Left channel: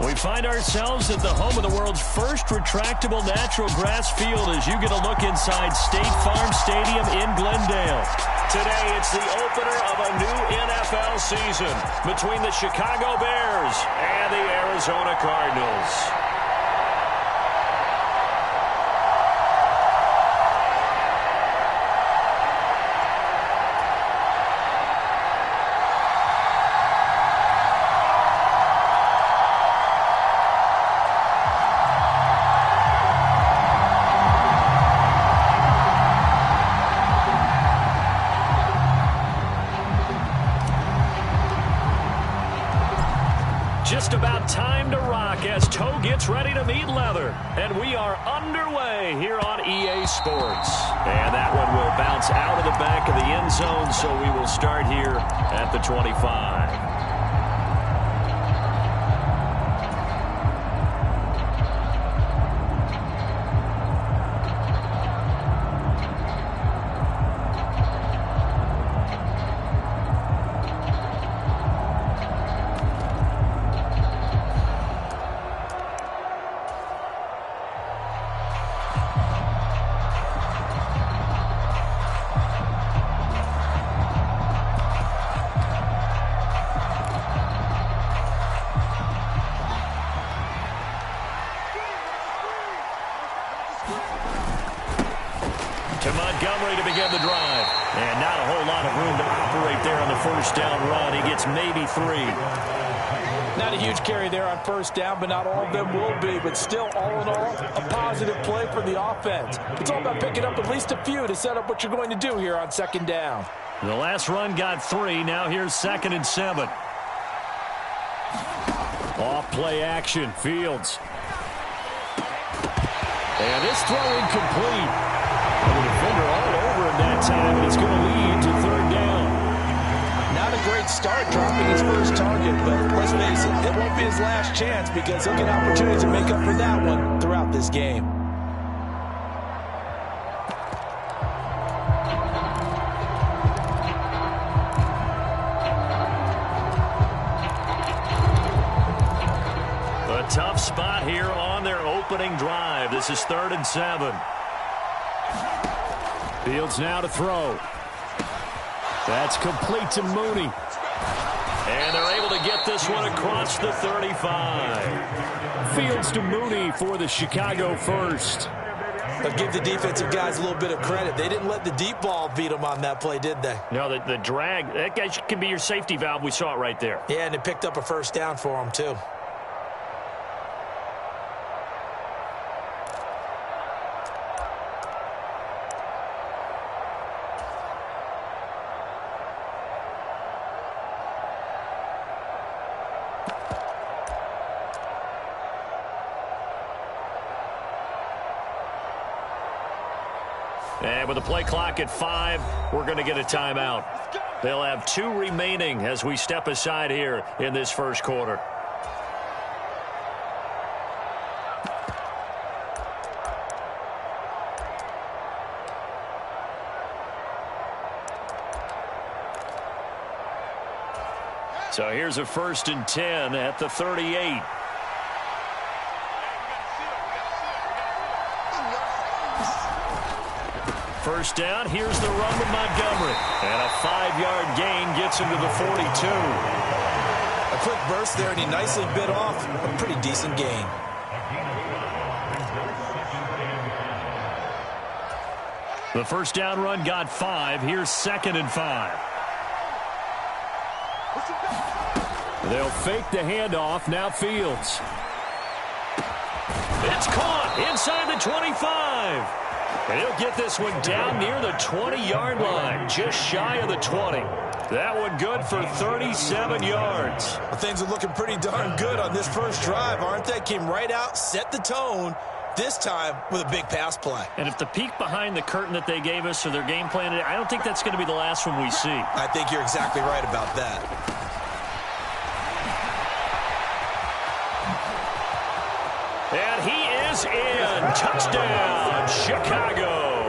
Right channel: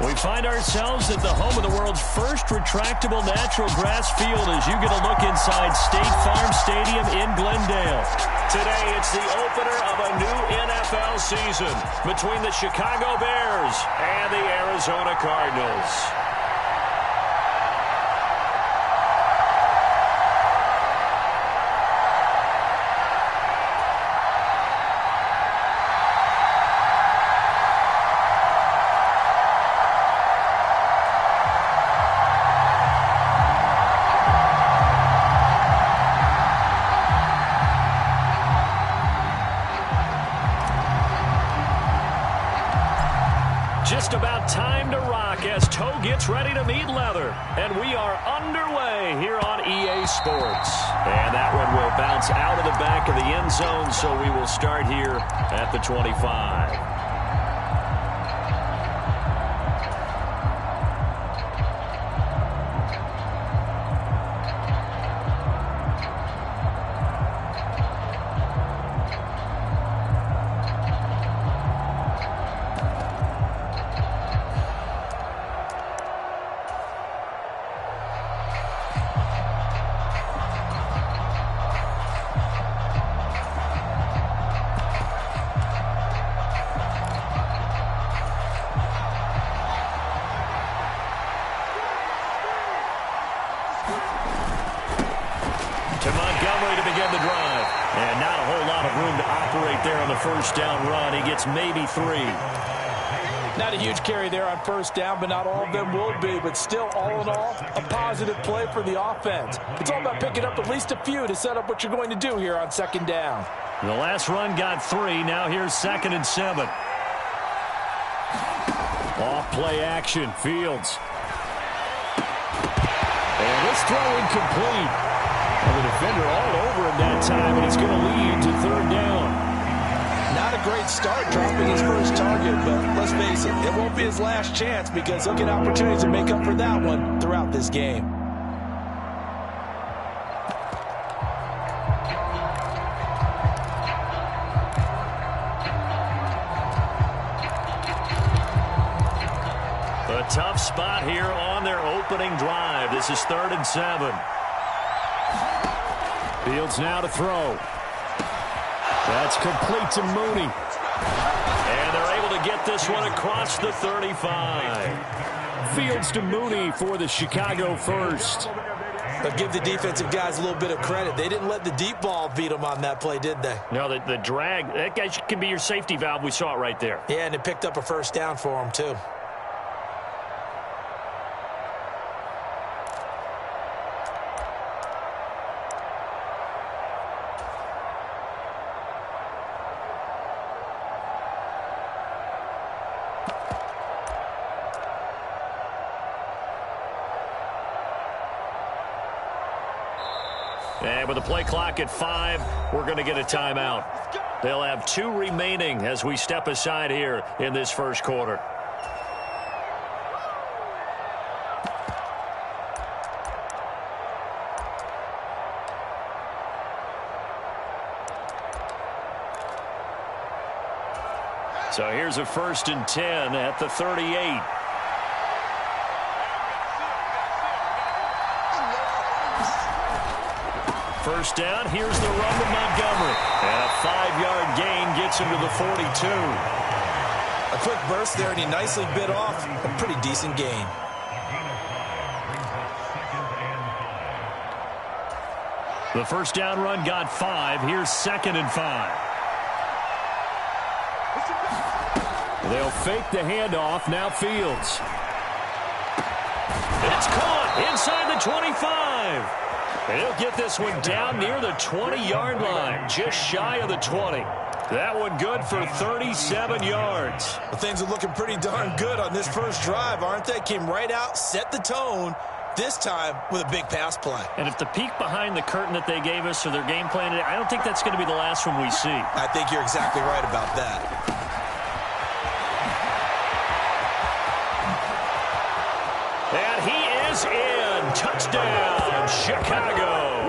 We find ourselves at the home of the world's first retractable natural grass field as you get a look inside State Farm Stadium in Glendale. Today, it's the opener of a new NFL season between the Chicago Bears and the Arizona Cardinals. Just about time to rock as toe gets ready to meet leather. And we are underway here on EA Sports. And that one will bounce out of the back of the end zone, so we will start here at the 25. To Montgomery to begin the drive. And not a whole lot of room to operate there on the first down run. He gets maybe 3. Not a huge carry there on first down, but not all of them will be. But still, all in all, a positive play for the offense. It's all about picking up at least a few to set up what you're going to do here on second down. The last run got 3. Now here's 2nd and 7. Off play action. Fields. And this throw incomplete. Well, the defender all over him that time, and it's going to lead to 3rd down. Not a great start dropping his first target, but let's face it, it won't be his last chance because he'll get opportunities to make up for that one throughout this game. A tough spot here on their opening drive. This is 3rd and 7. Fields now to throw. That's complete to Mooney. And they're able to get this one across the 35. Fields to Mooney for the Chicago first. But give the defensive guys a little bit of credit. They didn't let the deep ball beat them on that play, did they? No, the drag, that guy can be your safety valve. We saw it right there. Yeah, and it picked up a first down for him, too. And with the play clock at 5, we're going to get a timeout. They'll have 2 remaining as we step aside here in this first quarter. So here's a 1st and 10 at the 38. First down, here's the run to Montgomery. And a 5-yard gain gets him to the 42. A quick burst there, and he nicely bit off a pretty decent gain. The first down run got 5. Here's 2nd and 5. They'll fake the handoff. Now Fields. It's caught inside the 25. And he'll get this one down near the 20-yard line, just shy of the 20. That one good for 37 yards. Well, things are looking pretty darn good on this first drive, aren't they? Came right out, set the tone, this time with a big pass play. And if the peek behind the curtain that they gave us or their game plan, I don't think that's going to be the last one we see. I think you're exactly right about that. And he is in. Touchdown, Chicago.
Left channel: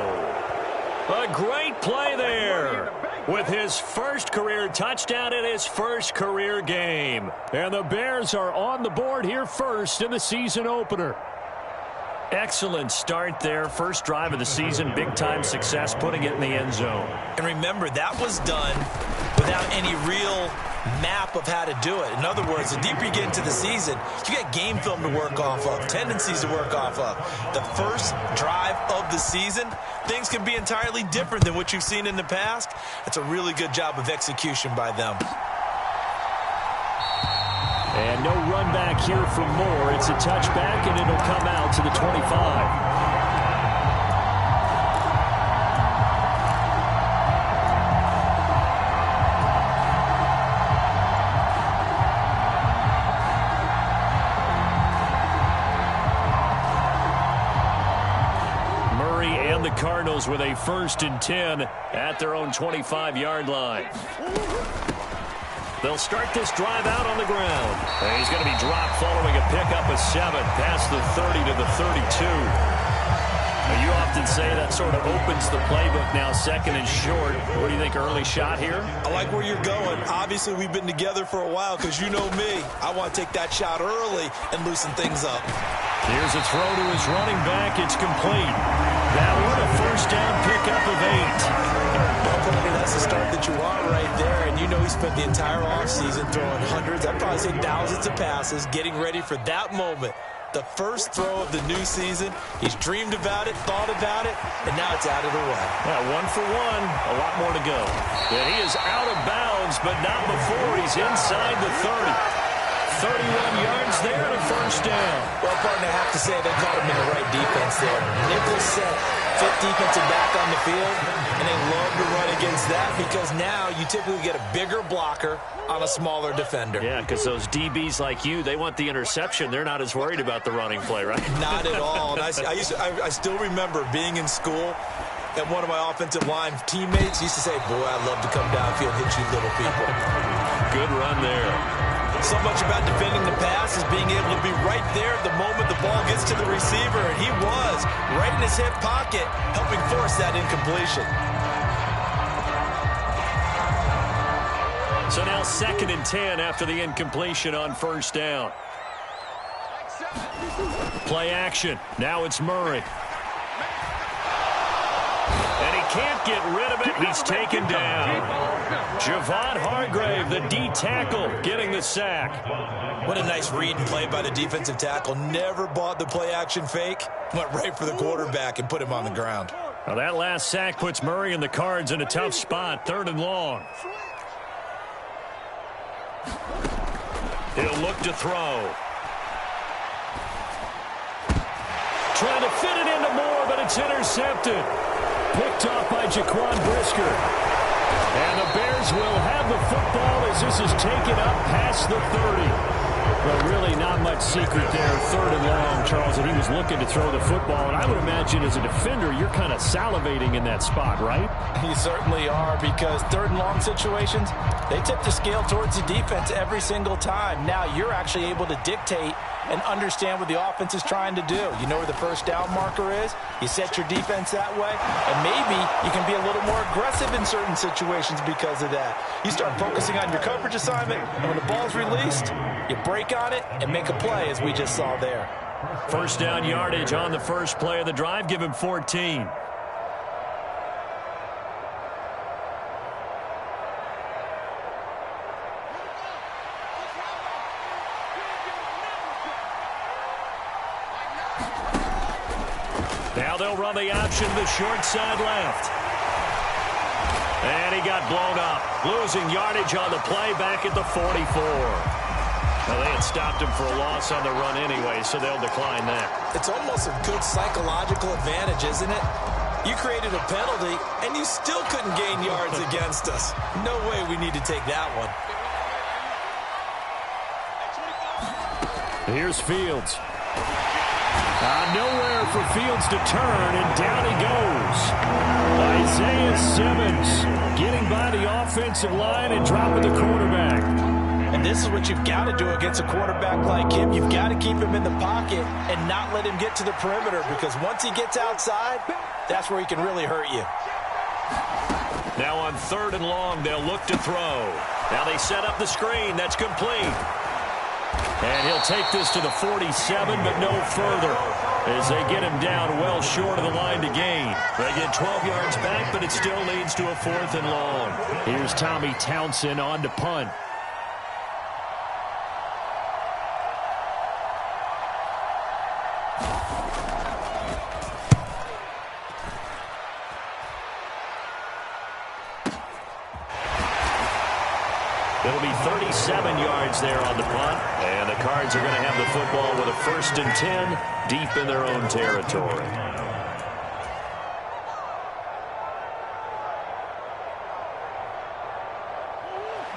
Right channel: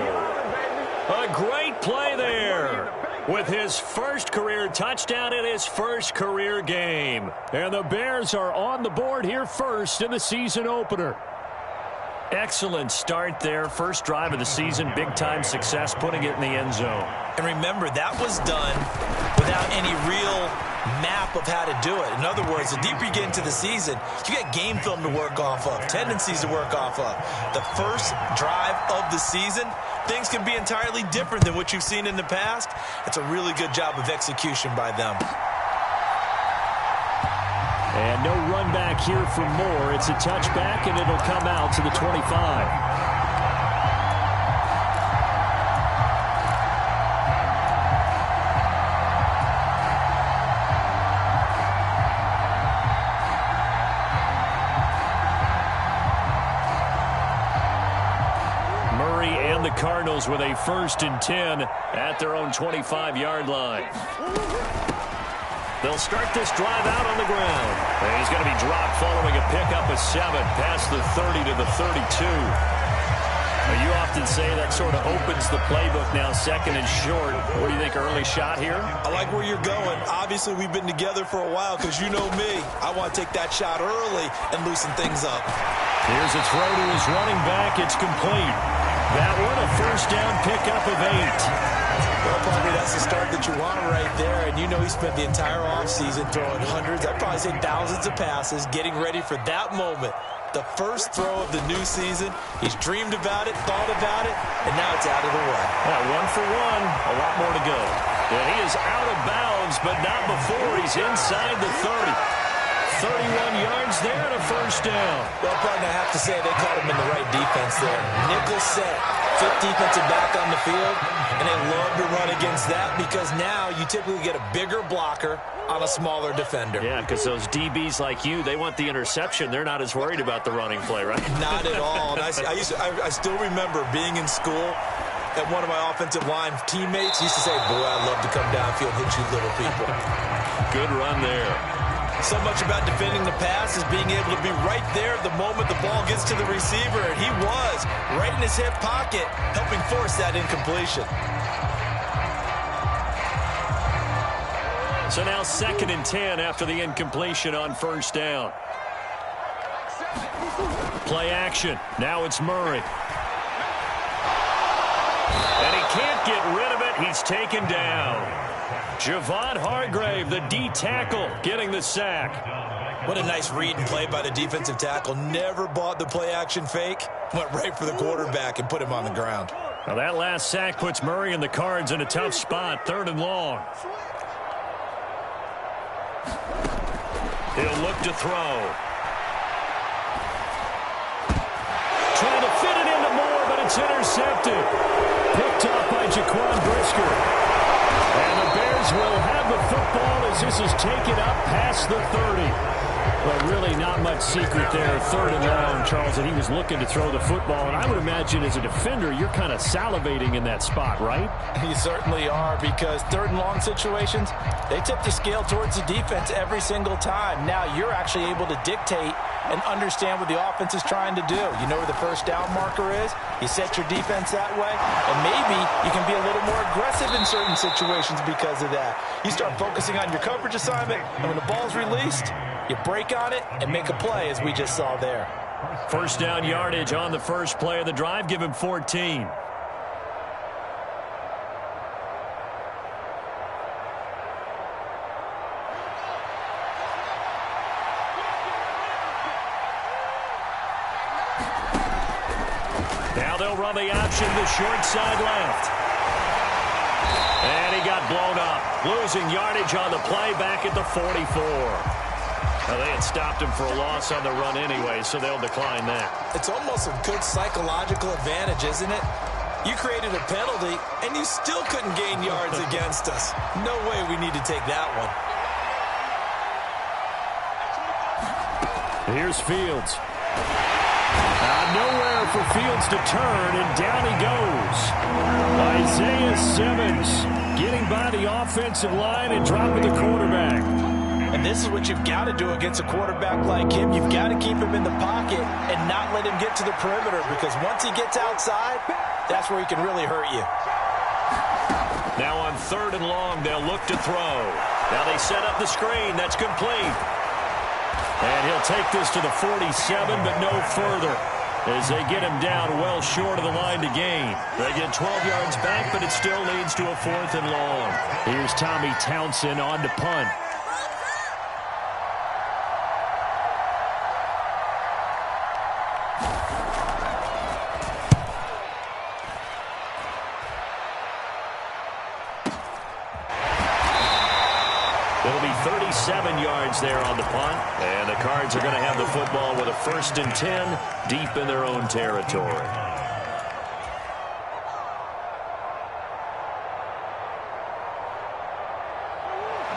A great play there with his first career touchdown in his first career game. And the Bears are on the board here first in the season opener. Excellent start there. First drive of the season. Big-time success putting it in the end zone. And remember, that was done without any real map of how to do it. In other words, the deeper you get into the season, you get game film to work off of, tendencies to work off of. The first drive of the season, things can be entirely different than what you've seen in the past. It's a really good job of execution by them. And no run back here for Moore. It's a touchback, and it'll come out to the 25. And the Cardinals with a 1st and 10 at their own 25-yard line. They'll start this drive out on the ground. And he's going to be dropped following a pickup of 7 past the 30 to the 32. Now, you often say that sort of opens the playbook now, 2nd and short. What do you think, early shot here? I like where you're going. Obviously, we've been together for a while because you know me. I want to take that shot early and loosen things up. Here's a throw to his running back. It's complete. That one, a 1st down pickup of 8. Well, probably that's the start that you want right there. And you know he spent the entire offseason throwing hundreds, I'd probably say thousands of passes, getting ready for that moment. The first throw of the new season. He's dreamed about it, thought about it, and now it's out of the way. Yeah, 1 for 1. A lot more to go. And he is out of bounds, but not before he's inside the 30. 31 yards there and a 1st down. Well, partner, I have to say they caught him in the right defense there. Nickel set, 5th defensive back on the field, and they love to run against that because now you typically get a bigger blocker on a smaller defender. Yeah, because those DBs like you, they want the interception. They're not as worried about the running play, right? Not at all. And I still remember being in school, and one of my offensive line teammates used to say, boy, I'd love to come downfield and hit you little people. Good run there. So much about defending the pass is being able to be right there at the moment the ball gets to the receiver, and he was right in his hip pocket, helping force that incompletion. So now 2nd and 10 after the incompletion on 1st down. Play action. Now it's Murray. And he can't get rid of it. He's taken down. Javon Hargrave, the D tackle, getting the sack. What a nice read and play by the defensive tackle. Never bought the play-action fake. Went right for the quarterback and put him on the ground. Now that last sack puts Murray and the Cards in a tough spot. 3rd and long. He'll look to throw. Trying to fit it into Moore, but it's intercepted. Picked off by Jaquan Brisker. And the Bears will have the football as this is taken up past the 30. But really not much secret there. 3rd and long, Charles, and he was looking to throw the football. And I would imagine as a defender, you're kind of salivating in that spot, right? You certainly are, because 3rd and long situations, they tip the scale towards the defense every single time. Now you're actually able to dictate and understand what the offense is trying to do. You know where the 1st down marker is. You set your defense that way, and maybe you can be a little more aggressive in certain situations because of that. You start focusing on your coverage assignment, and when the ball's released, you break on it and make a play, as we just saw there. 1st down yardage on the first play of the drive. Give him 14. Now they'll run the option to the short side left. And he got blown up. Losing yardage on the play back at the 44. Now, they had stopped him for a loss on the run anyway, so they'll decline that. It's almost a good psychological advantage, isn't it? You created a penalty, and you still couldn't gain yards against us. No way we need to take that one. Here's Fields. Nowhere for Fields to turn, and down he goes. Isaiah Simmons getting by the offensive line and dropping the quarterback. And this is what you've got to do against a quarterback like him. You've got to keep him in the pocket and not let him get to the perimeter, because once he gets outside, that's where he can really hurt you. Now on 3rd and long, they'll look to throw. Now they set up the screen. That's complete. And he'll take this to the 47, but no further, as they get him down well short of the line to gain. They get 12 yards back, but it still leads to a 4th and long. Here's Tommy Townsend on to punt. It'll be 37 yards there on the punt. And the Cards are going to have the football with a 1st and 10 deep in their own territory.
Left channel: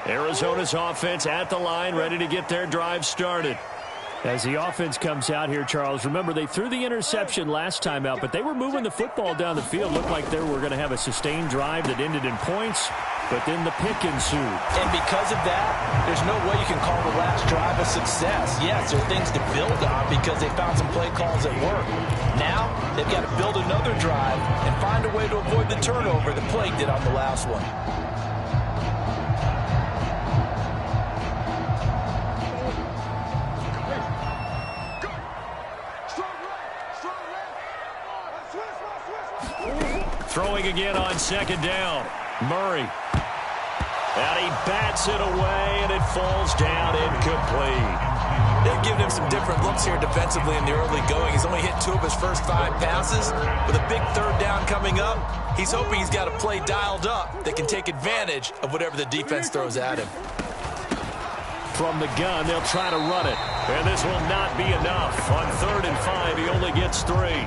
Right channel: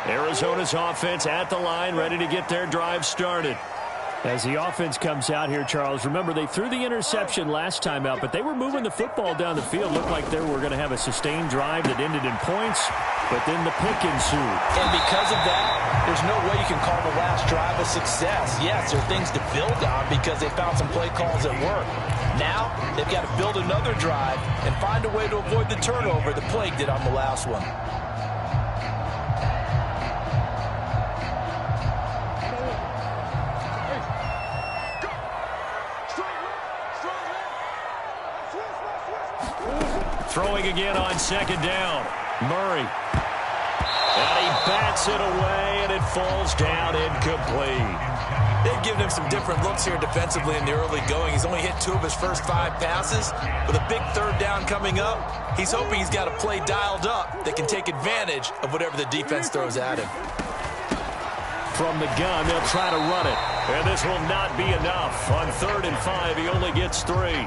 Arizona's offense at the line, ready to get their drive started. As the offense comes out here, Charles, remember they threw the interception last time out, but they were moving the football down the field. Looked like they were going to have a sustained drive that ended in points, but then the pick ensued. And because of that, there's no way you can call the last drive a success. Yes, there are things to build on because they found some play calls that work. Now, they've got to build another drive and find a way to avoid the turnover the Plague did on the last one. Throwing again on 2nd down. Murray. And he bats it away, and it falls down incomplete. They've given him some different looks here defensively in the early going. He's only hit 2 of his first 5 passes. With a big 3rd down coming up, he's hoping he's got a play dialed up that can take advantage of whatever the defense throws at him. From the gun, they'll try to run it. And this will not be enough. On 3rd and 5, he only gets 3.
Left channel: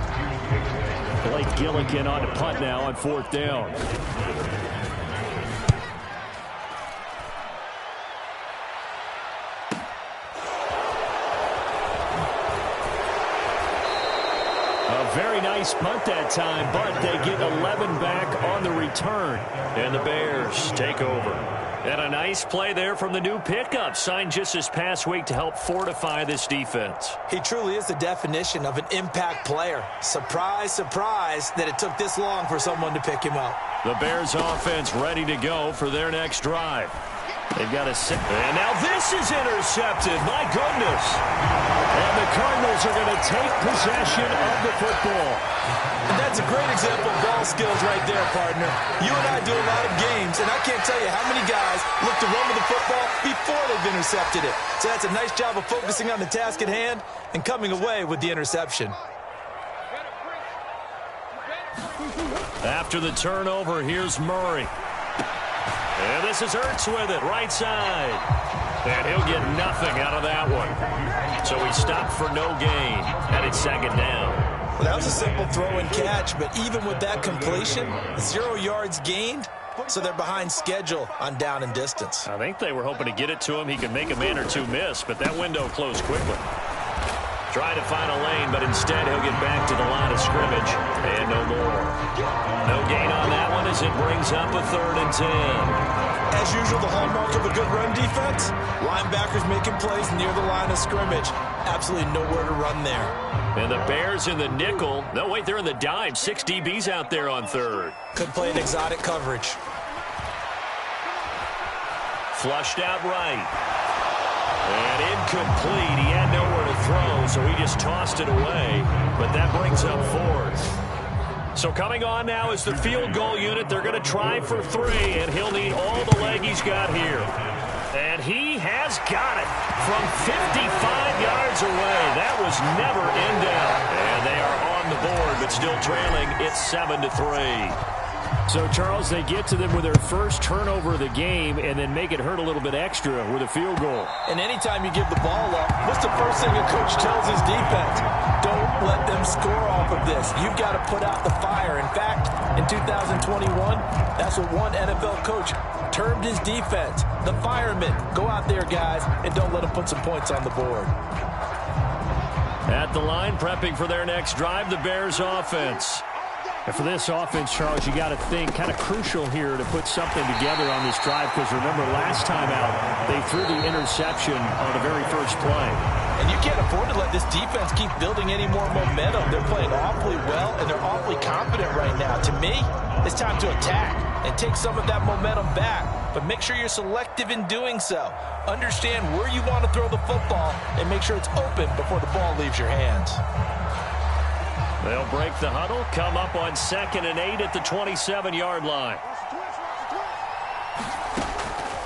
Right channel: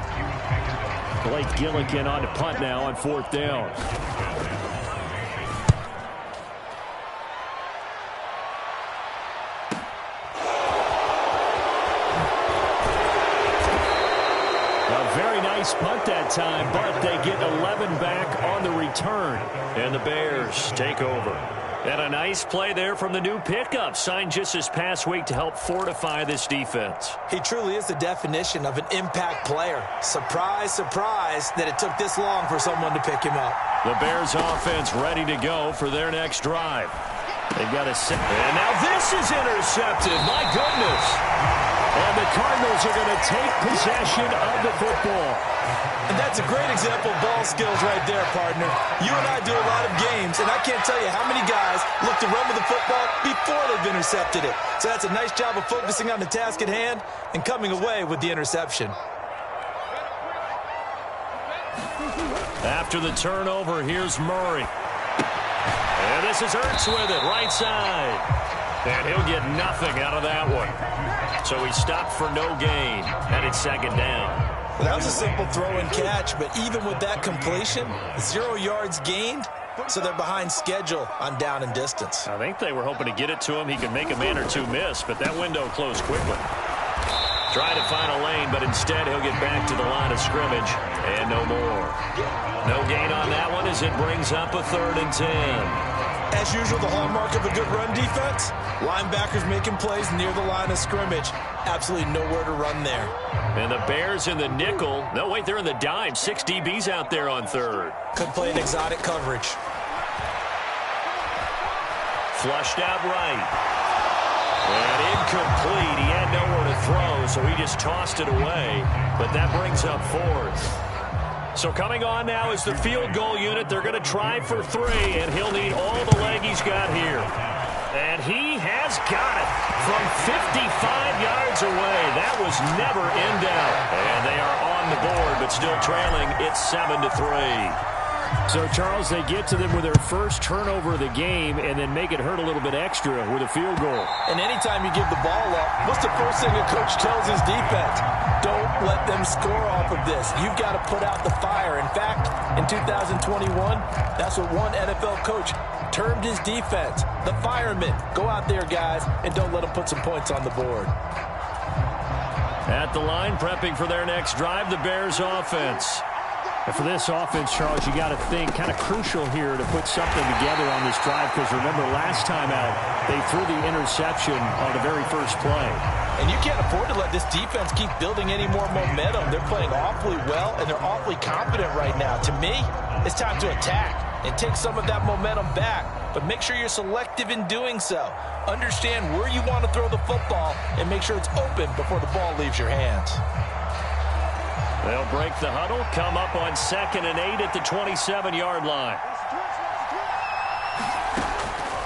Blake Gillikin on to punt now on 4th down. A very nice punt that time, but they get 11 back on the return. And the Bears take over. And a nice play there from the new pickup, signed just this past week to help fortify this defense. He truly is the definition of an impact player. Surprise, surprise that it took this long for someone to pick him up. The Bears offense ready to go for their next drive. They've got a sit. And now this is intercepted. My goodness. And the Cardinals are going to take possession of the football. And that's a great example of ball skills right there, partner. You and I do a lot of games, and I can't tell you how many guys look to run with the football before they've intercepted it. So that's a nice job of focusing on the task at hand and coming away with the interception. After the turnover, here's Murray. And this is Ertz with it, right side. And he'll get nothing out of that one. So he stopped for no gain, and it's 2nd down. Well, that was a simple throw and catch, but even with that completion, 0 yards gained, so they're behind schedule on down and distance. I think they were hoping to get it to him. He could make a man or two miss, but that window closed quickly. Try to find a lane, but instead he'll get back to the line of scrimmage, and no more. No gain on that one as it brings up a 3rd and 10. As usual, the hallmark of a good run defense, linebackers making plays near the line of scrimmage. Absolutely nowhere to run there. And the Bears in the nickel. No, wait, they're in the dime. 6 DBs out there on 3rd. Could play an exotic coverage. Flushed out right. And incomplete. He had nowhere to throw, so he just tossed it away. But that brings up 4th. So coming on now is the field goal unit. They're going to try for 3, and he'll need all the leg he's got here. And he has got it from 55 yards away. That was never in doubt. And they are on the board, but still trailing. It's 7-3. So, Charles, they get to them with their first turnover of the game and then make it hurt a little bit extra with a field goal. And anytime you give the ball up, what's the first thing a coach tells his defense? Don't let them score off of this. You've got to put out the fire. In fact, in 2021, that's what one NFL coach termed his defense. The firemen. Go out there, guys, and don't let them put some points on the board. At the line, prepping for their next drive, the Bears offense. And for this offense, Charles, you got to think kind of crucial here to put something together on this drive because remember last time out, they threw the interception on the very first play. And you can't afford to let this defense keep building any more momentum. They're playing awfully well, and they're awfully confident right now. To me, it's time to attack and take some of that momentum back. But make sure you're selective in doing so. Understand where you want to throw the football and make sure it's open before the ball leaves your hands. They'll break the huddle, come up on 2nd and 8 at the 27-yard line.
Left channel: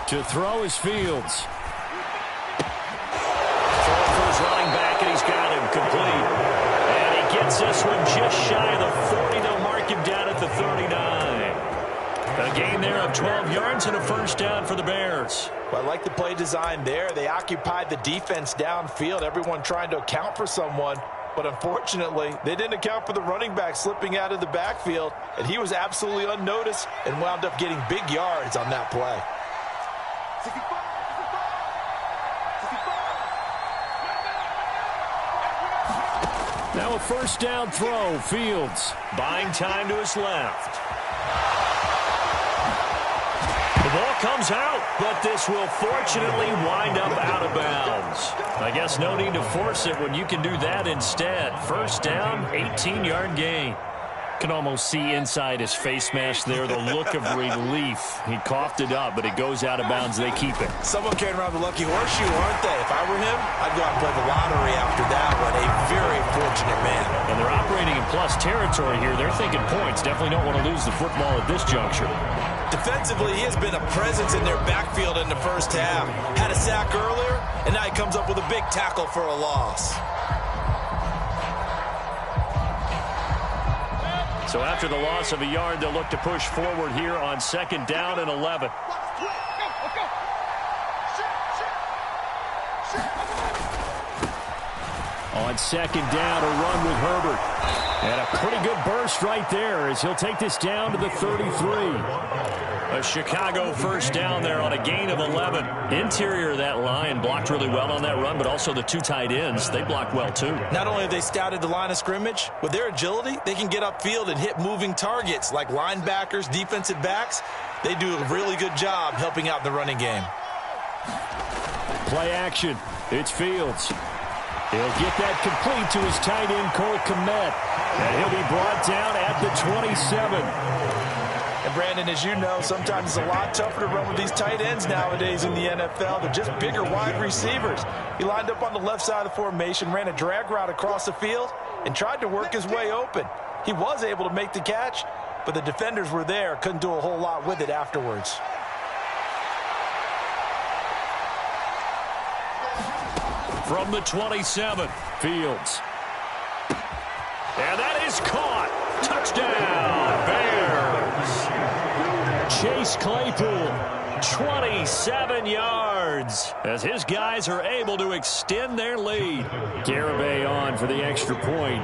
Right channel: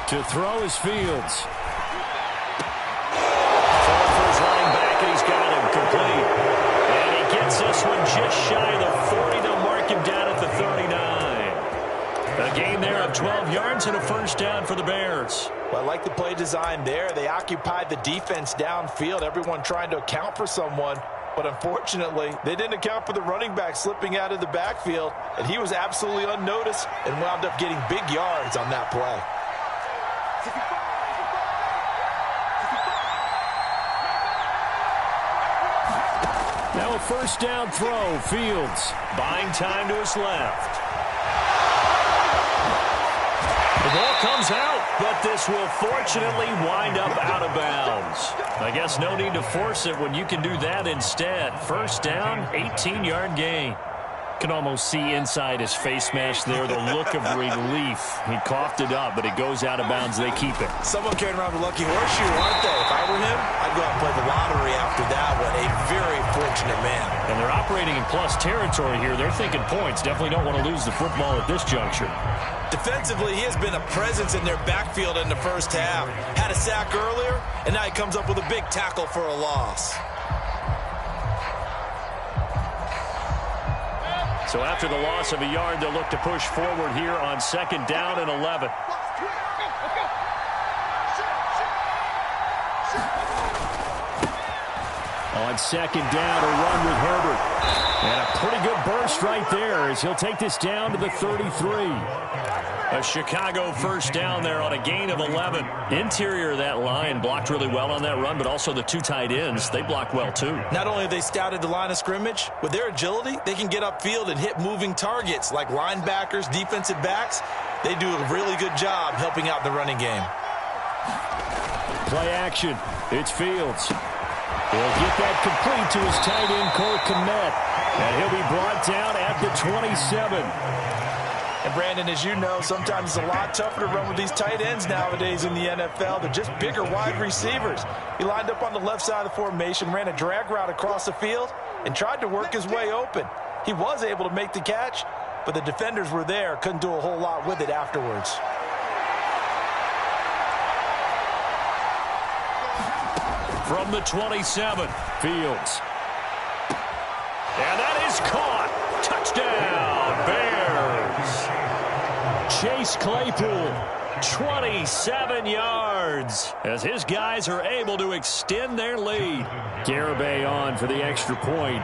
To throw is Fields. Falling for his running back, and he's got him complete. And he gets this one just shy of the 40. They'll mark him down at the 39. A gain there of 12 yards and a first down for the Bears. Well, I like the play design there. They occupied the defense downfield, everyone trying to account for someone. But unfortunately, they didn't account for the running back slipping out of the backfield, and he was absolutely unnoticed and wound up getting big yards on that play. Now a first down throw, Fields. Buying time to his left. The ball comes out, but this will fortunately wind up out of bounds. I guess no need to force it when you can do that instead. First down, 18-yard gain. Can almost see inside his face mask there the look of relief. He coughed it up, but it goes out of bounds. They keep it. Someone carrying around the lucky horseshoe, aren't they? If I were him, I'd go out and play the lottery after that one. A very fortunate man. And they're operating in plus territory here. They're thinking points. Definitely don't want to lose the football at this juncture. Defensively, he has been a presence in their backfield in the first half. Had a sack earlier, and now he comes up with a big tackle for a loss. So after the loss of a yard, they'll look to push forward here on 2nd down and 11. On 2nd down, a run with Herbert. And a pretty good burst right there as he'll take this down to the 33. A Chicago first down there on a gain of 11. Interior of that line blocked really well on that run, but also the two tight ends, they blocked well too. Not only have they scouted the line of scrimmage, with their agility, they can get upfield and hit moving targets like linebackers, defensive backs. They do a really good job helping out the running game. Play action. It's Fields. He'll get that complete to his tight end, Cole Kmet. And he'll be brought down at the 27. And Brandon, as you know, sometimes it's a lot tougher to run with these tight ends nowadays in the NFL. They're just bigger wide receivers. He lined up on the left side of the formation, ran a drag route across the field, and tried to work his way open. He was able to make the catch, but the defenders were there, couldn't do a whole lot with it afterwards. From the 27, Fields. And that is caught. Touchdown, Bears. Chase Claypool, 27 yards, as his guys are able to extend their lead. Garibay on for the extra point.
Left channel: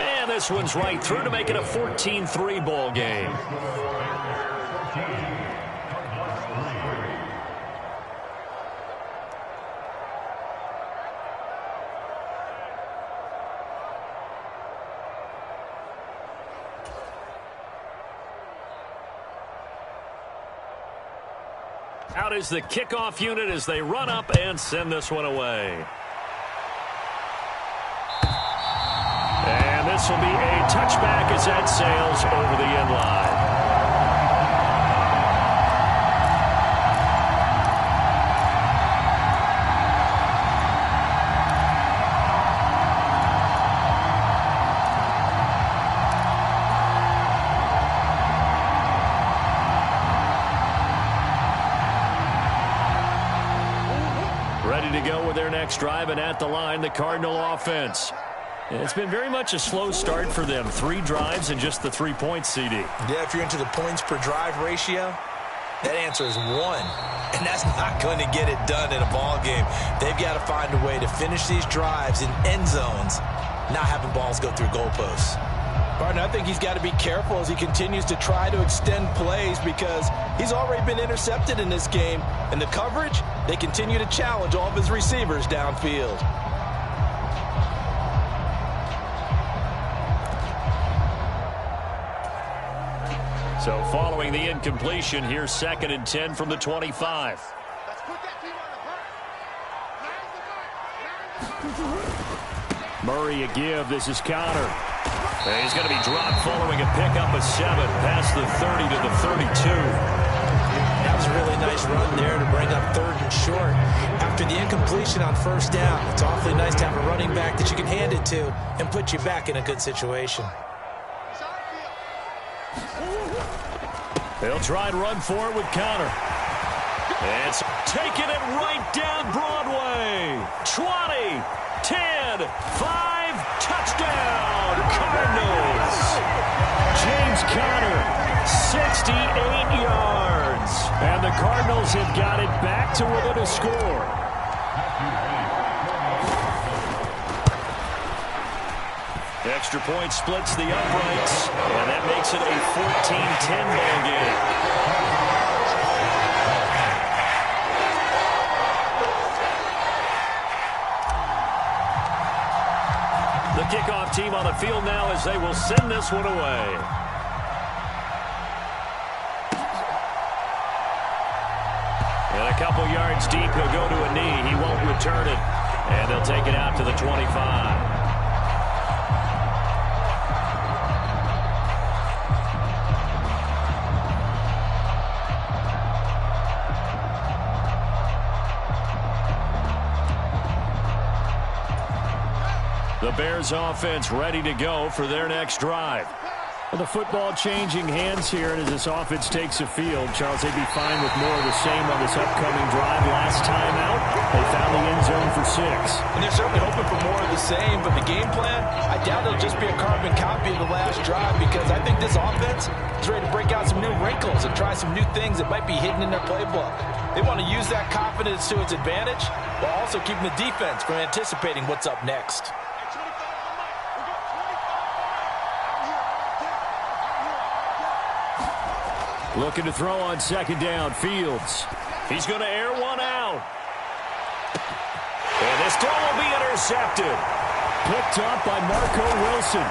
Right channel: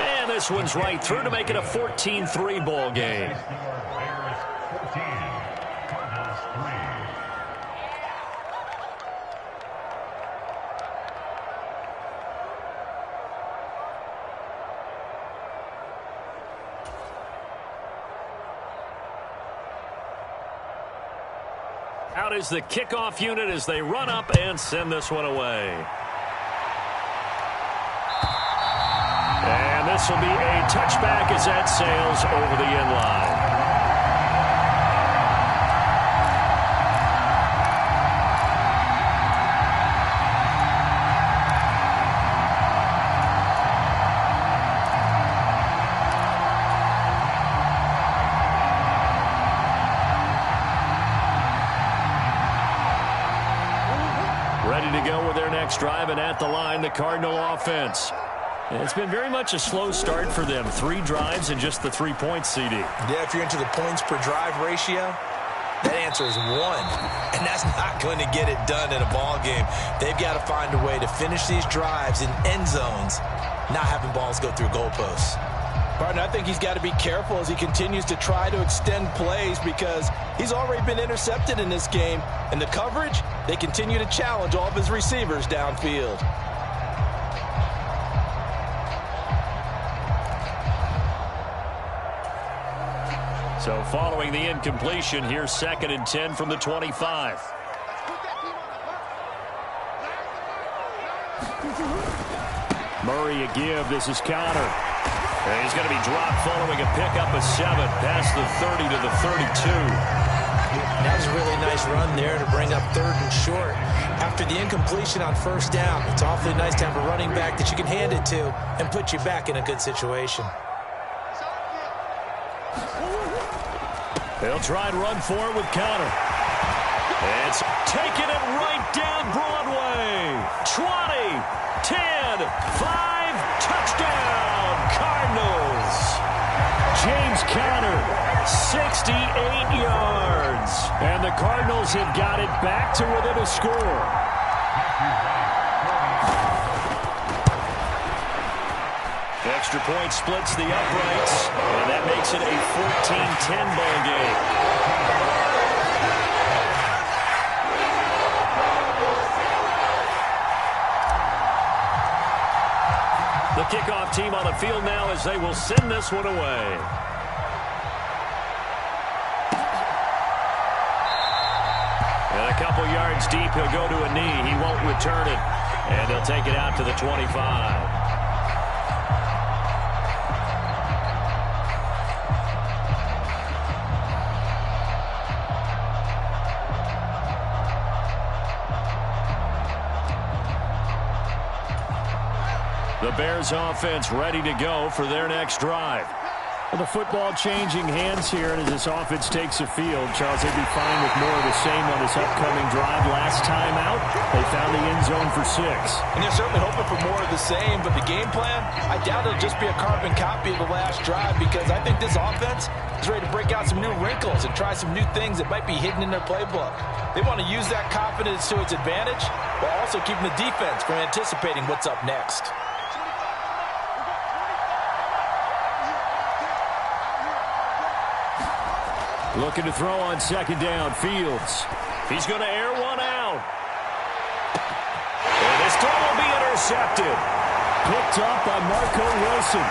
And this one's right through to make it a 14-3 ball game. Out is the kickoff unit as they run up and send this one away. And this will be a touchback as that sails over the end line. Ready to go with their next drive, and at the line, the Cardinal offense. It's been very much a slow start for them. 3 drives and just the 3 points, CD. Yeah, if you're into the points per drive ratio, that answer is 1. And that's not going to get it done in a ball game. They've got to find a way to finish these drives in end zones, not having balls go through goalposts. Partner, I think he's got to be careful as he continues to try to extend plays because he's already been intercepted in this game. And the coverage, they continue to challenge all of his receivers downfield. So following the incompletion, here's 2nd and 10 from the 25. Murray a give. This is Connor. And he's going to be dropped following a pickup of 7 past the 30 to the 32. That was a really nice run there to bring up 3rd and short. After the incompletion on 1st down, it's awfully nice to have a running back that you can hand it to and put you back in a good situation. They'll try and run for it with Connor. It's taking it right down Broadway. 20, 10, 5, touchdown, Cardinals. James Conner, 68 yards. And the Cardinals have got it back to within a score. Extra point splits the uprights, and that makes it a 14-10 ball game. The kickoff team on the field now as they will send this one away. And a couple yards deep, he'll go to a knee. He won't return it, and they'll take it out to the 25. The Bears offense ready to go for their next drive. The football changing hands here, and as this offense takes the field, Charles, they'd be fine with more of the same on this upcoming drive. Last time out, they found the end zone for 6. And they're certainly hoping for more of the same, but the game plan, I doubt it'll just be a carbon copy of the last drive, because I think this offense is ready to break out some new wrinkles and try some new things that might be hidden in their playbook. They want to use that confidence to its advantage, while also keeping the defense from anticipating what's up next. Looking to throw on 2nd down. Fields. He's going to air one out. And this throw will be intercepted. Picked up by Marco Wilson.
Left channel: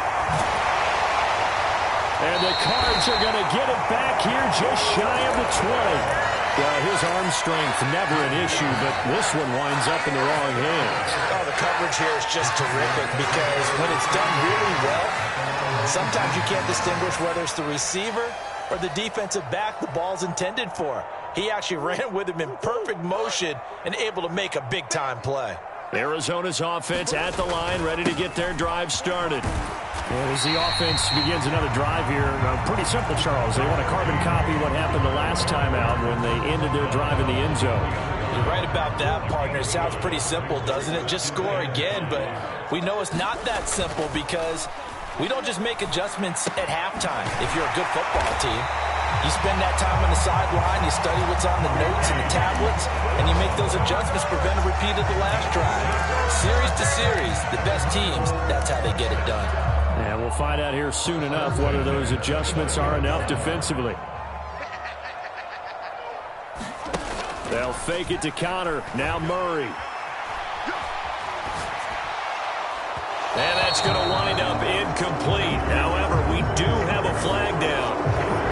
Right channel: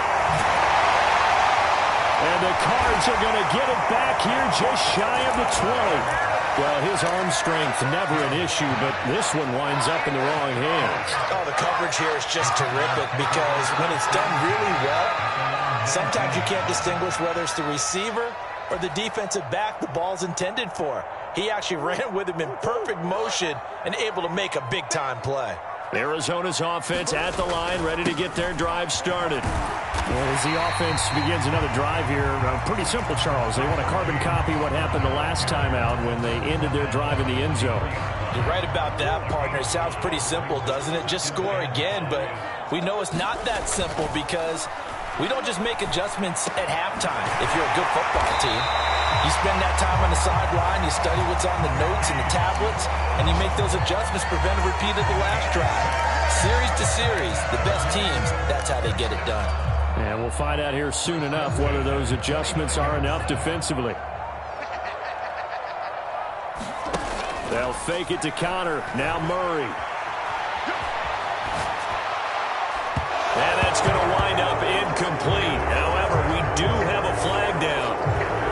And the Cards are going to get it back here just shy of the 20. Well, his arm strength never an issue, but this one winds up in the wrong hands. Oh, the coverage here is just terrific, because when it's done really well, sometimes you can't distinguish whether it's the receiver or the defensive back the ball's intended for. He actually ran with him in perfect motion and able to make a big-time play. Arizona's offense at the line, ready to get their drive started. And as the offense begins another drive here, pretty simple, Charles. They want to carbon copy what happened the last time out when they ended their drive in the end zone. You're right about that, partner. It sounds pretty simple, doesn't it? Just score again, but we know it's not that simple, because we don't just make adjustments at halftime if you're a good football team. You spend that time on the sideline, you study what's on the notes and the tablets, and you make those adjustments, prevent a repeat of the last drive. Series to series, the best teams, that's how they get it done. And we'll find out here soon enough whether those adjustments are enough defensively. They'll fake it to Connor. Now Murray. And that's going to wind up incomplete. However, we do have a flag down.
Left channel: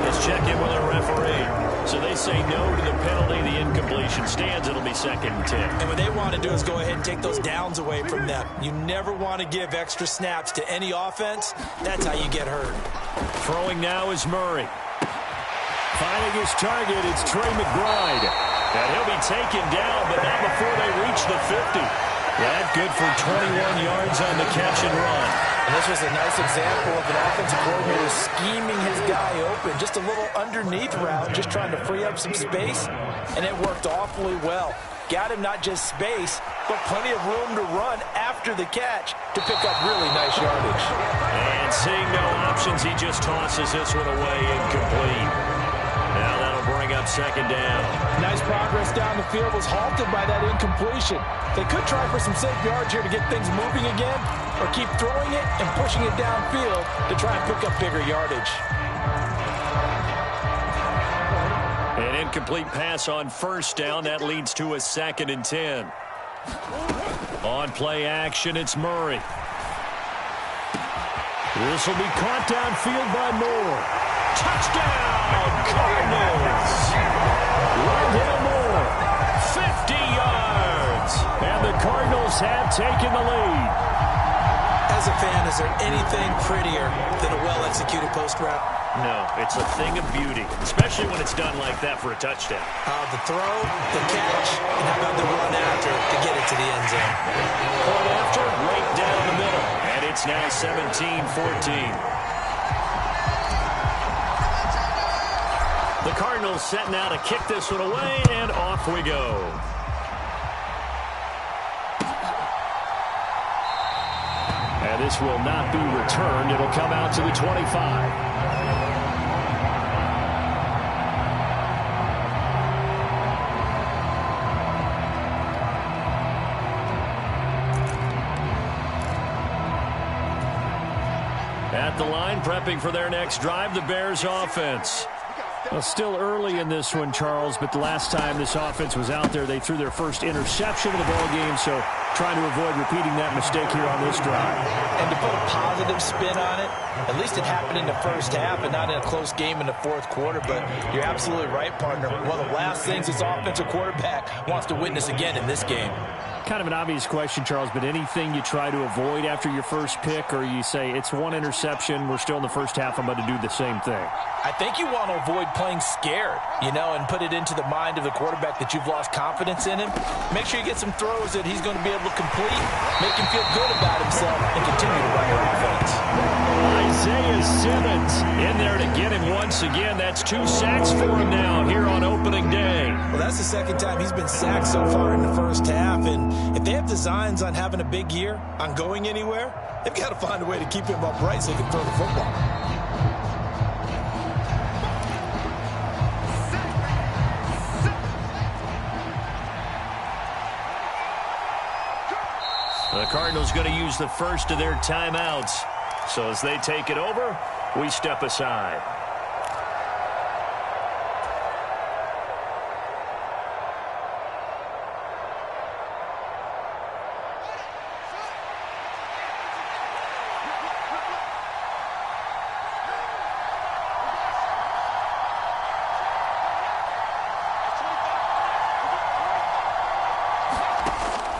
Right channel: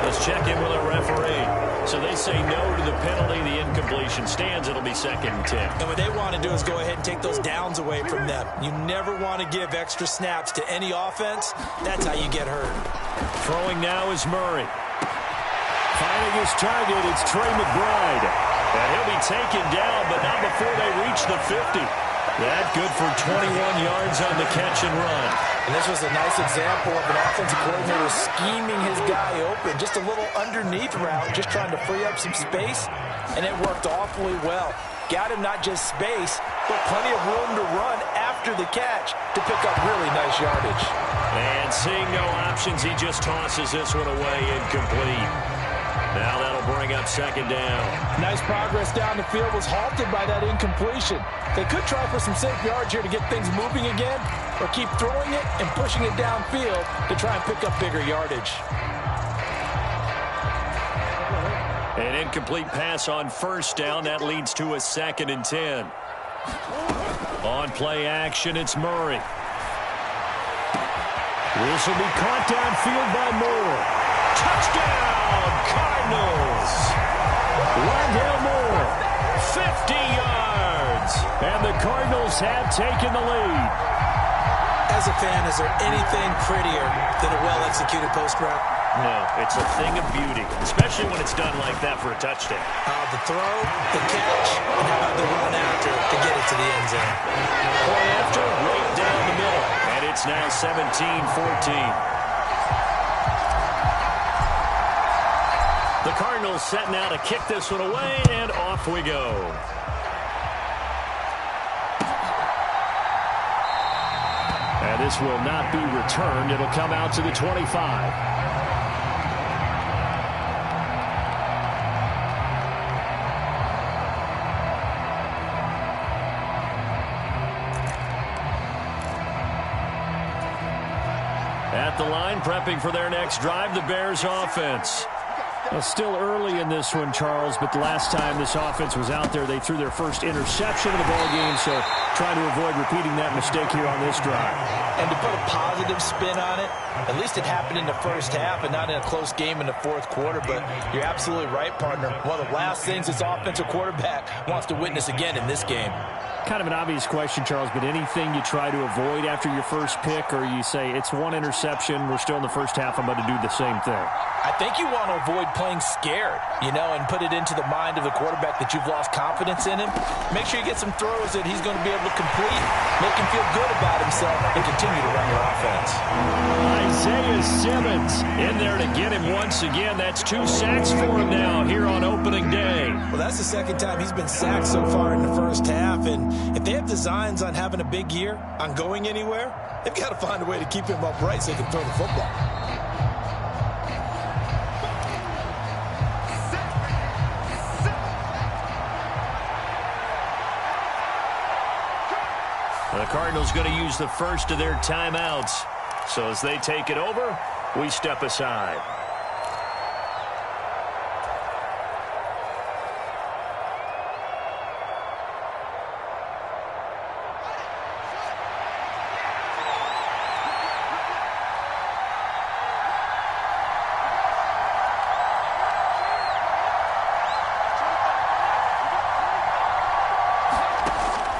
Let's check in with our referee. So they say no to the penalty. The incompletion stands. It'll be 2nd and 10. And what they want to do is go ahead and take those downs away from them. You never want to give extra snaps to any offense. That's how you get hurt. Throwing now is Murray. Finding his target, it's Trey McBride. And he'll be taken down, but not before they reach the 50. That good for 21 yards on the catch and run. And this was a nice example of an offensive coordinator scheming his guy open. Just a little underneath route, just trying to free up some space, and it worked awfully well. Got him not just space, but plenty of room to run after the catch to pick up really nice yardage. And seeing no options, he just tosses this one away, incomplete. Now that'll bring up 2nd down. Nice progress down the field, was halted by that incompletion. They could try for some safe yards here to get things moving again, or keep throwing it and pushing it downfield to try and pick up bigger yardage. An incomplete pass on 1st down. That leads to a 2nd and 10. On play action, it's Murray. This will be caught downfield by Moore. Touchdown, Cardinals. Rondale Moore, 50 yards. And the Cardinals have taken the lead. As a fan, is there anything prettier than a well-executed post route? No, it's a thing of beauty, especially when it's done like that for a touchdown. The throw, the catch, and how about the run after to get it to the end zone? Point after, right down the middle. And it's now 17-14. The Cardinals set now to kick this one away, and off we go. And this will not be returned. It'll come out to the 25. At the line, prepping for their next drive, the Bears offense. Well, still early in this one, Charles, but the last time this offense was out there, they threw their first interception of the ball game, so trying to avoid repeating that mistake here on this drive. And to put a positive spin on it, at least it happened in the first half and not in a close game in the fourth quarter, but you're absolutely right, partner. One of the last things this offensive quarterback wants to witness again in this game. Kind of an obvious question, Charles, but anything you try to avoid after your first pick, or you say it's one interception, we're still in the first half, I'm about to do the same thing? I think you want to avoid playing scared, and put it into the mind of the quarterback that you've lost confidence in him. Make sure you get some throws that he's going to be able to complete, make him feel good about himself, and continue to run your offense. Isaiah Simmons in there to get him once again. That's 2 sacks for him now here on opening day. Well, that's the second time he's been sacked so far in the first half, and if they have designs on having a big year, on going anywhere, they've got to find a way to keep him upright so he can throw the football. The Cardinals going to use the first of their timeouts. So as they take it over, we step aside.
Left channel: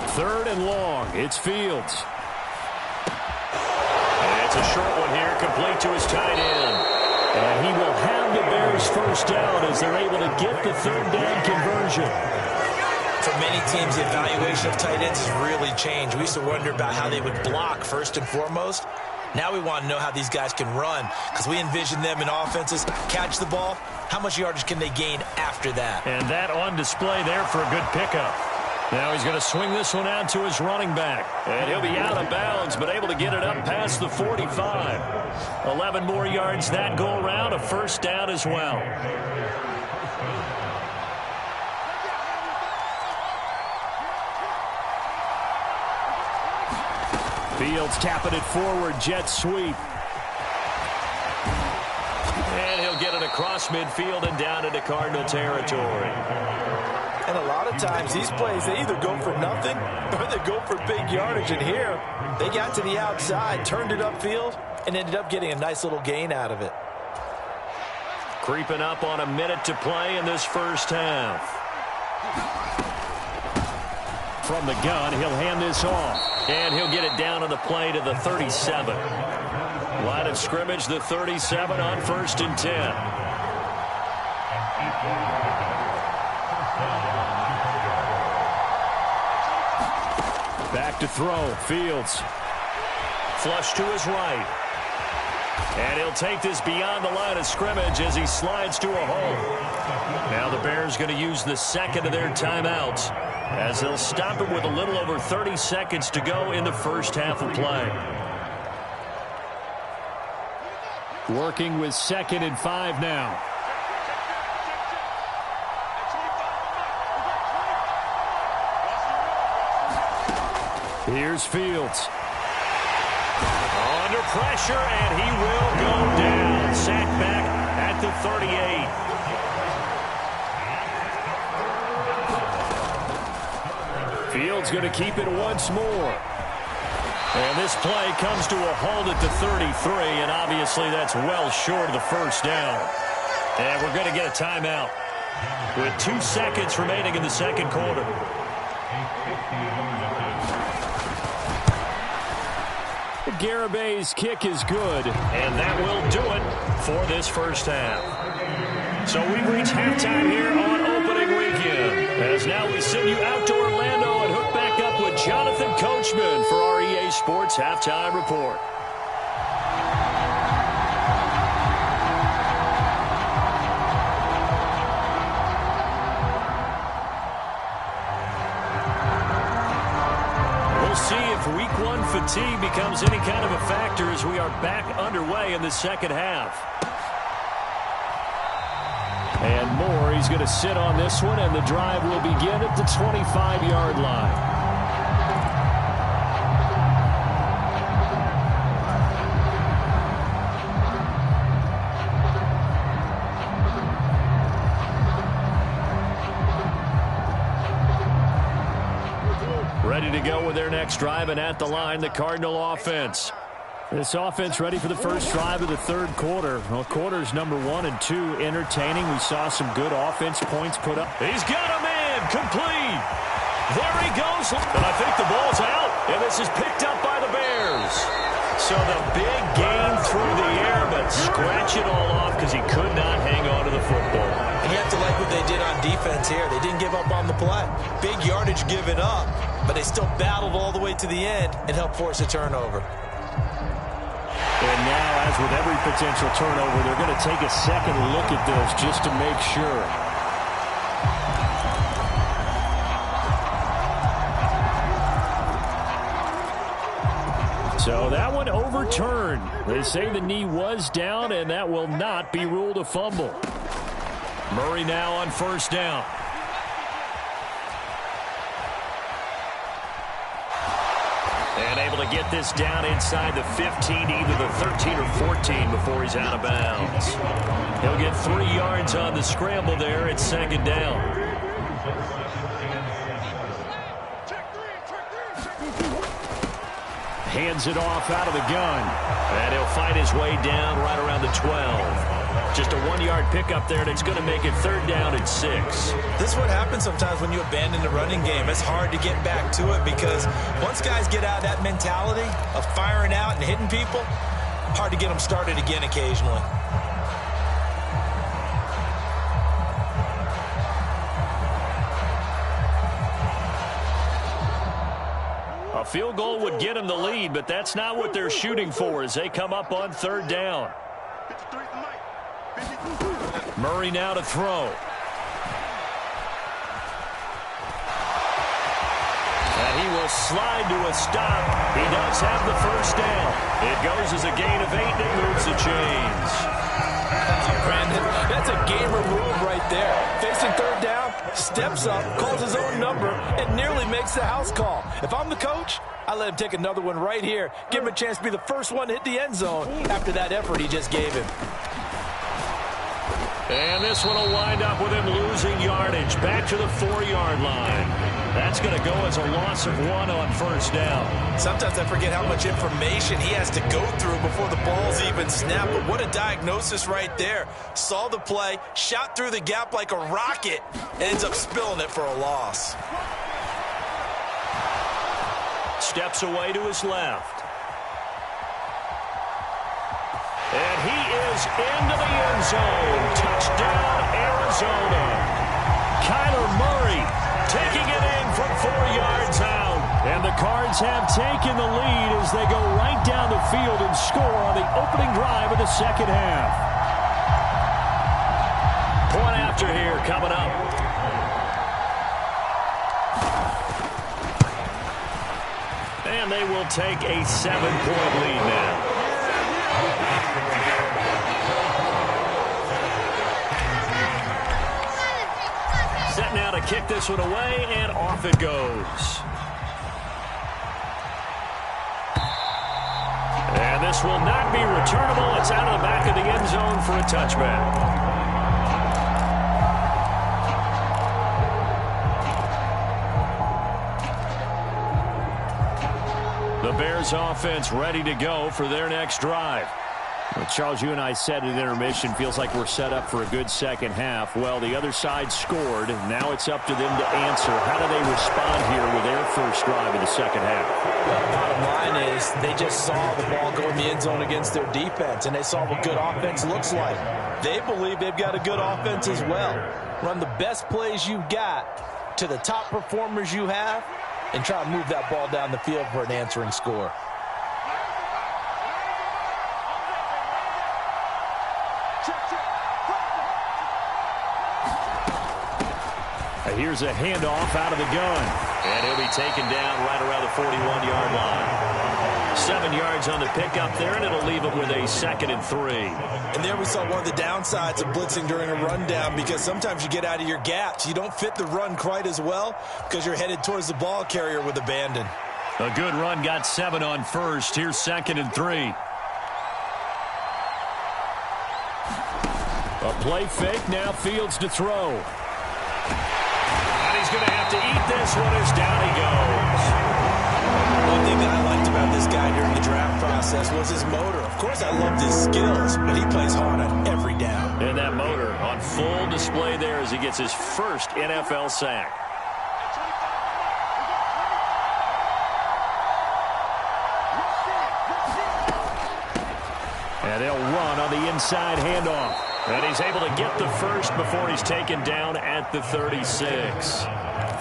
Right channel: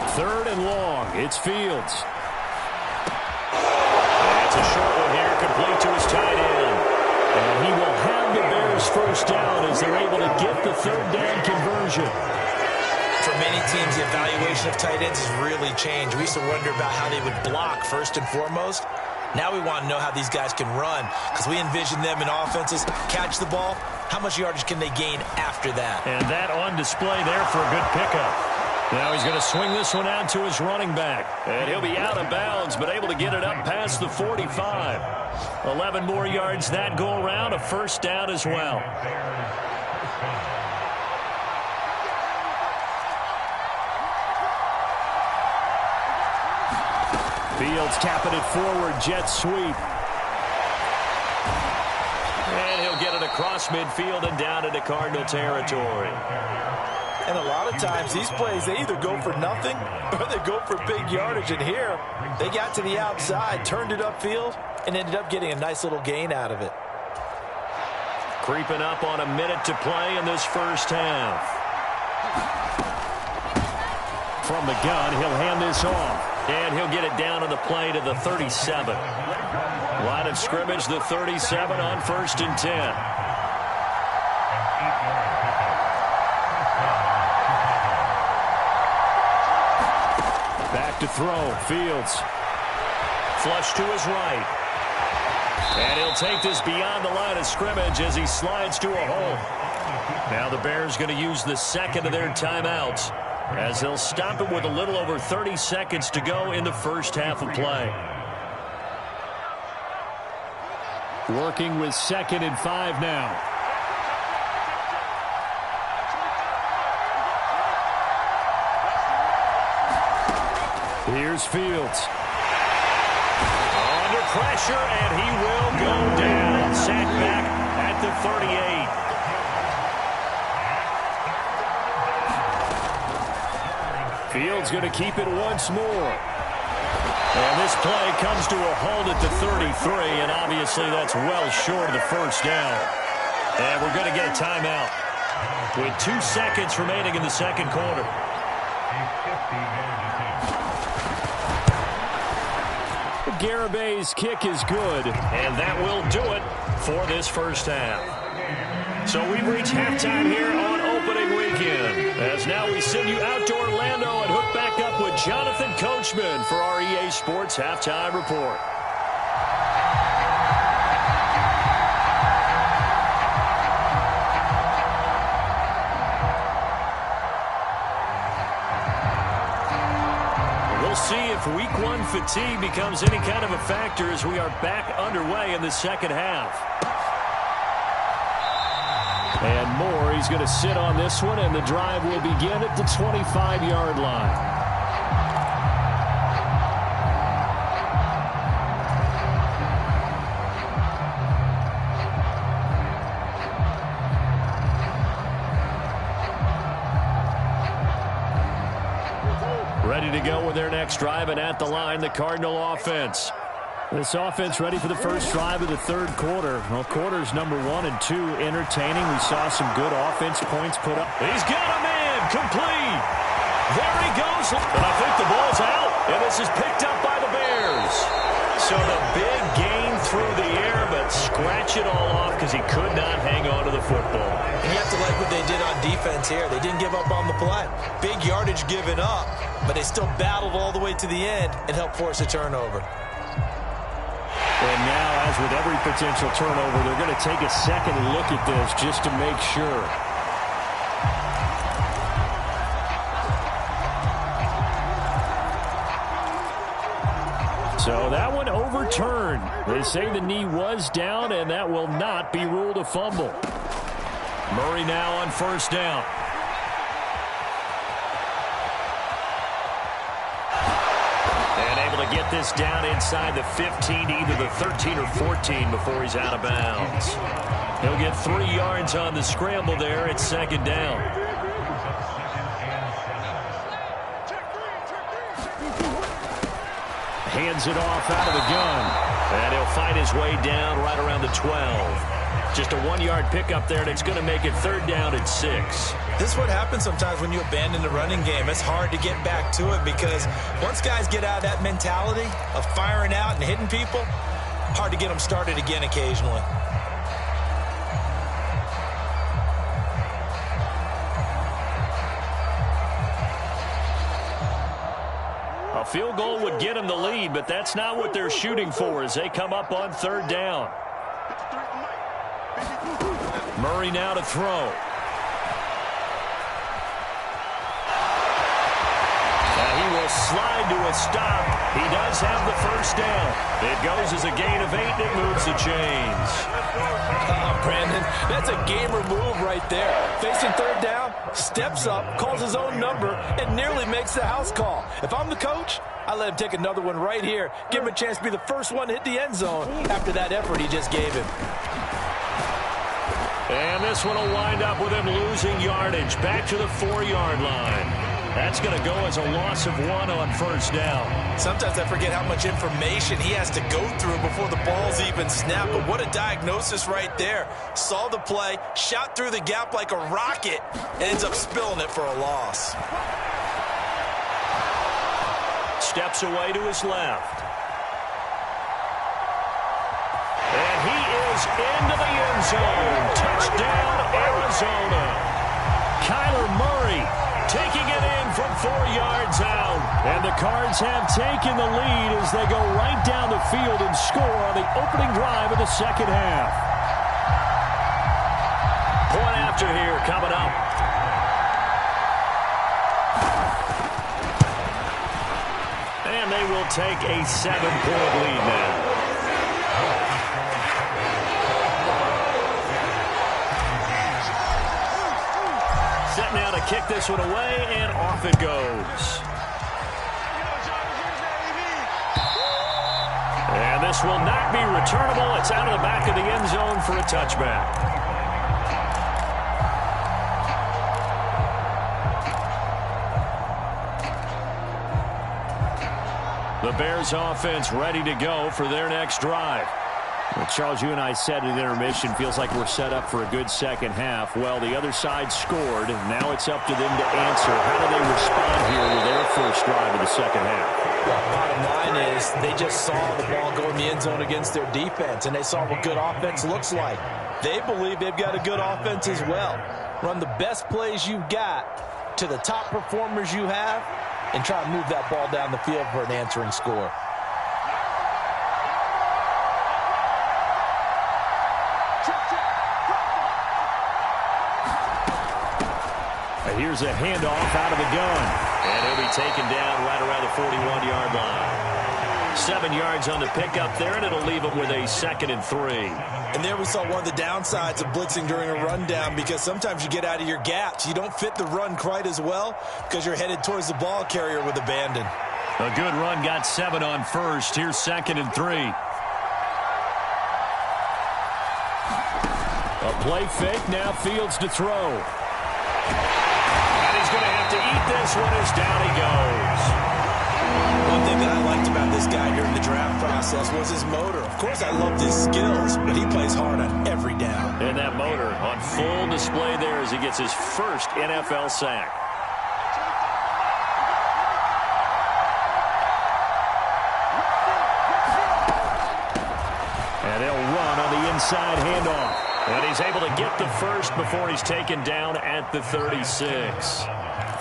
Third and long. It's Fields. And it's a short one here, complete to his tight end. And he will have the Bears first down as they're able to get the third down conversion. For many teams, the evaluation of tight ends has really changed. We used to wonder about how they would block first and foremost. Now we want to know how these guys can run, because we envision them in offenses catch the ball. How much yardage can they gain after that? And that on display there for a good pickup. Now he's going to swing this one out to his running back. And he'll be out of bounds, but able to get it up past the 45. 11 more yards that go around, a first down as well. Fields tapping it forward, jet sweep. And he'll get it across midfield and down into Cardinal territory. And a lot of times, these plays, they either go for nothing or they go for big yardage. And here, they got to the outside, turned it upfield, and ended up getting a nice little gain out of it. Creeping up on a minute to play in this first half. From the gun, he'll hand this off. And he'll get it down on the play to the 37. Line of scrimmage, the 37 on 1st and 10. Back to throw. Fields. Flush to his right. And he'll take this beyond the line of scrimmage as he slides to a hole. Now the Bears going to use the second of their timeouts as they'll stop it with a little over 30 seconds to go in the first half of play. Working with 2nd and 5 now. Here's Fields. Under pressure, and he will go down. Sacked back at the 38. Fields going to keep it once more. And this play comes to a halt at the 33, and obviously that's well short of the first down. And we're going to get a timeout with 2 seconds remaining in the second quarter. Garabay's kick is good, and that will do it for this first half. So we've reached halftime here on opening weekend, as now we send you out to Orlando and hook back up with Jonathan Coachman for our EA Sports Halftime Report. We'll see if week one fatigue becomes any kind of a factor as we are back underway in the second half. And Moore, he's going to sit on this one, and the drive will begin at the 25-yard line. Ready to go with their next drive, and at the line, the Cardinal offense. This offense ready for the first drive of the third quarter. Well, quarters number 1 and 2 entertaining. We saw some good offense points put up. He's got a man complete. There he goes. And I think the ball's out. And this is picked up by the Bears. So the big gain through the air, but scratch it all off because he could not hang on to the football. And you have to like what they did on defense here. They didn't give up on the play. Big yardage given up, but they still battled all the way to the end and helped force a turnover. And now, as with every potential turnover, they're going to take a second look at this just to make sure. So that one overturned. They say the knee was down, and that will not be ruled a fumble. Murray now on first down. And able to get this down inside the 15, either the 13 or 14 before he's out of bounds. He'll get 3 yards on the scramble there at second down. Hands it off out of the gun. And he'll fight his way down right around the 12. Just a 1-yard pickup there, and it's going to make it third down at 6. This is what happens sometimes when you abandon the running game. It's hard to get back to it because once guys get out of that mentality of firing out and hitting people, hard to get them started again occasionally. A field goal would get them the lead, but that's not what they're shooting for as they come up on third down. Murray now to throw. And he will slide to a stop. He does have the first down. It goes as a gain of 8, and it moves the chains. Brandon, that's a gamer move right there. Facing third down, steps up, calls his own number, and nearly makes the house call. If I'm the coach, I let him take another one right here. Give him a chance to be the first one to hit the end zone after that effort he just gave him. And this one will wind up with him losing yardage back to the 4-yard line. That's going to go as a loss of 1 on first down. Sometimes I forget how much information he has to go through before the ball's even snapped. But what a diagnosis right there. Saw the play, shot through the gap like a rocket, and ends up spilling it for a loss. Steps away to his left. And he is into the end zone. Touchdown, Arizona. Kyler Murray taking it in from 4 yards out. And the Cards have taken the lead as they go right down the field and score on the opening drive of the second half. Point after here coming up. And they will take a 7-point lead now. Set now to kick this one away, and off it goes. And this will not be returnable. It's out of the back of the end zone for a touchback. The Bears offense ready to go for their next drive. Well, Charles, you and I said at intermission, feels like we're set up for a good second half. Well, the other side scored. Now it's up to them to answer. How do they respond here with their first drive of the second half? Well, bottom line is they just saw the ball go in the end zone against their defense, and they saw what good offense looks like. They believe they've got a good offense as well. Run the best plays you've got to the top performers you have, and try to move that ball down the field for an answering score. Here's a handoff out of the gun. And he'll be taken down right around the 41-yard line. 7 yards on the pickup there, and it'll leave him with a 2nd and 3. And there we saw one of the downsides of blitzing during a rundown, because sometimes you get out of your gaps. You don't fit the run quite as well because you're headed towards the ball carrier with abandon. A good run got 7 on first. Here's 2nd and 3. A play fake, now Fields to throw. And he's going to have to eat this one as down he goes. One thing that I liked about this guy during the draft process was his motor. Of course, I loved his skills, but he plays hard on every down. And that motor on full display there as he gets his first NFL sack. And they'll run on the inside handoff. And he's able to get the first before he's taken down at the 36.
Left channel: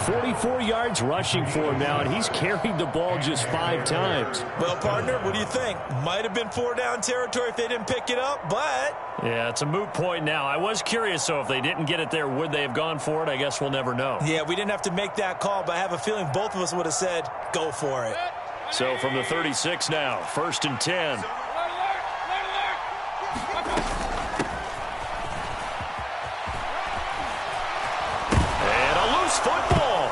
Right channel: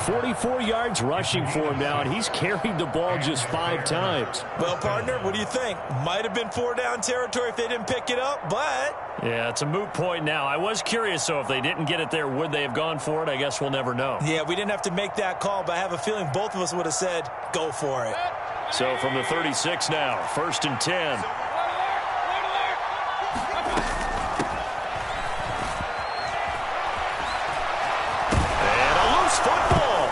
44 yards rushing for him now, and he's carried the ball just 5 times. Well, partner, what do you think? Might have been 4-down territory if they didn't pick it up, but... Yeah, it's a moot point now. I was curious, so if they didn't get it there, would they have gone for it? I guess we'll never know. Yeah, we didn't have to make that call, but I have a feeling both of us would have said, go for it. So from the 36 now, 1st and 10. Football.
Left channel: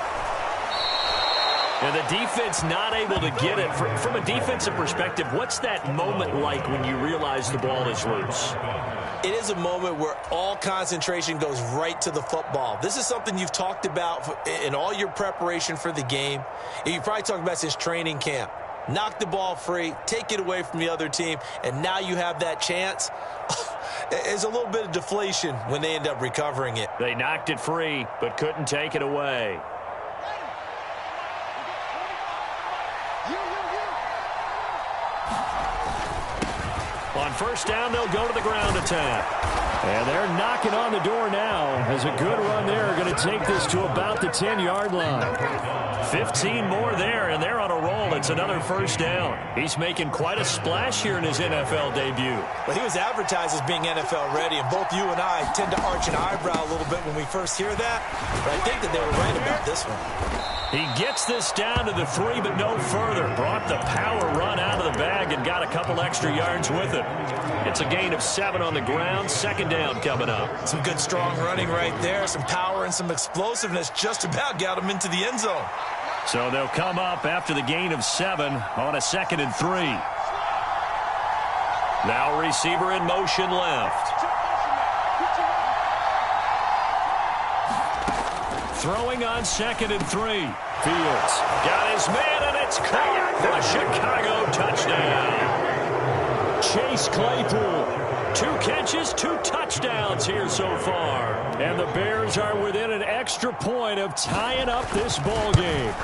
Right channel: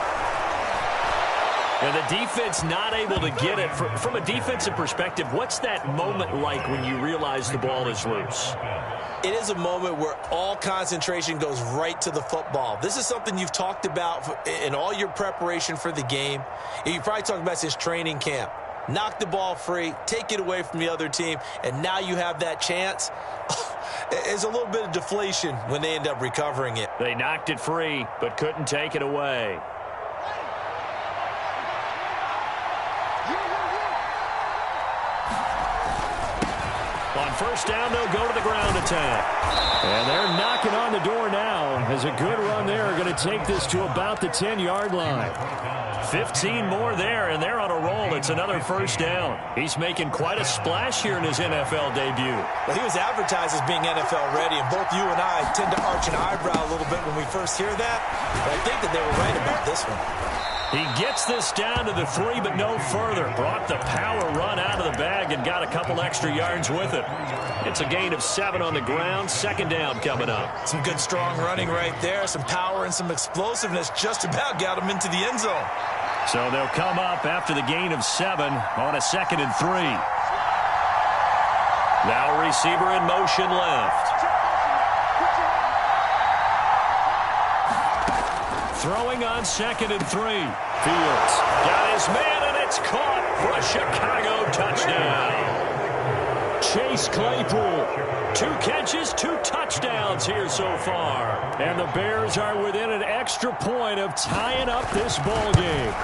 And the defense not able to get it. From a defensive perspective, what's that moment like when you realize the ball is loose? It is a moment where all concentration goes right to the football. This is something you've talked about in all your preparation for the game. You've probably talked about since training camp. Knock the ball free, take it away from the other team, and now you have that chance. There's a little bit of deflation when they end up recovering it. They knocked it free, but couldn't take it away. On 1st down, they'll go to the ground attack. And they're knocking on the door now as a good run there. Going to take this to about the 10-yard line. 15 more there, and they're on a roll. It's another 1st down. He's making quite a splash here in his NFL debut. Well, he was advertised as being NFL ready, and both you and I tend to arch an eyebrow a little bit when we first hear that. But I think that they were right about this one. He gets this down to the 3, but no further. Brought the power run out of the bag and got a couple extra yards with it. It's a gain of 7 on the ground. 2nd down coming up. Some good, strong running right there. Some power and some explosiveness just about got him into the end zone. So they'll come up after the gain of 7 on a 2nd and 3. Now receiver in motion left. Throwing on 2nd and 3. Fields got his man, and it's caught for a Chicago touchdown. Chase Claypool, 2 catches, 2 touchdowns here so far. And the Bears are within an extra point of tying up this ball game.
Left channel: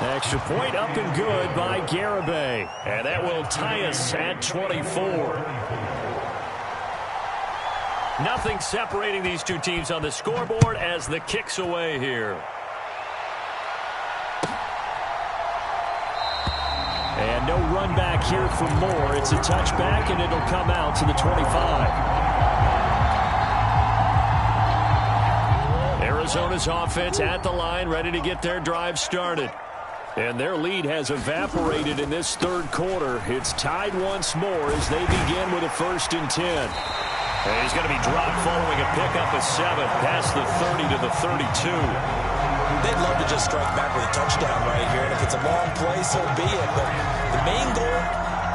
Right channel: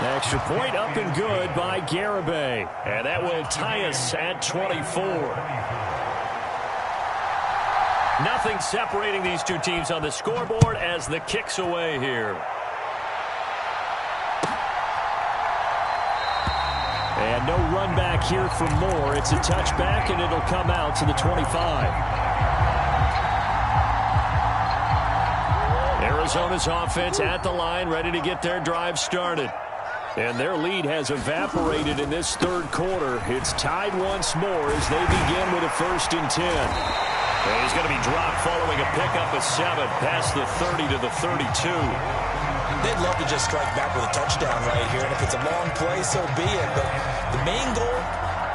Extra point up and good by Garibay. And that will tie us at 24. Nothing separating these two teams on the scoreboard as the kick's away here. And no run back here for Moore. It's a touchback, and it'll come out to the 25. Arizona's offense at the line, ready to get their drive started. And their lead has evaporated in this 3rd quarter. It's tied once more as they begin with a 1st and 10. And he's going to be dropped following a pickup of 7 past the 30 to the 32. They'd love to just strike back with a touchdown right here, and if it's a long play, so be it. But the main goal,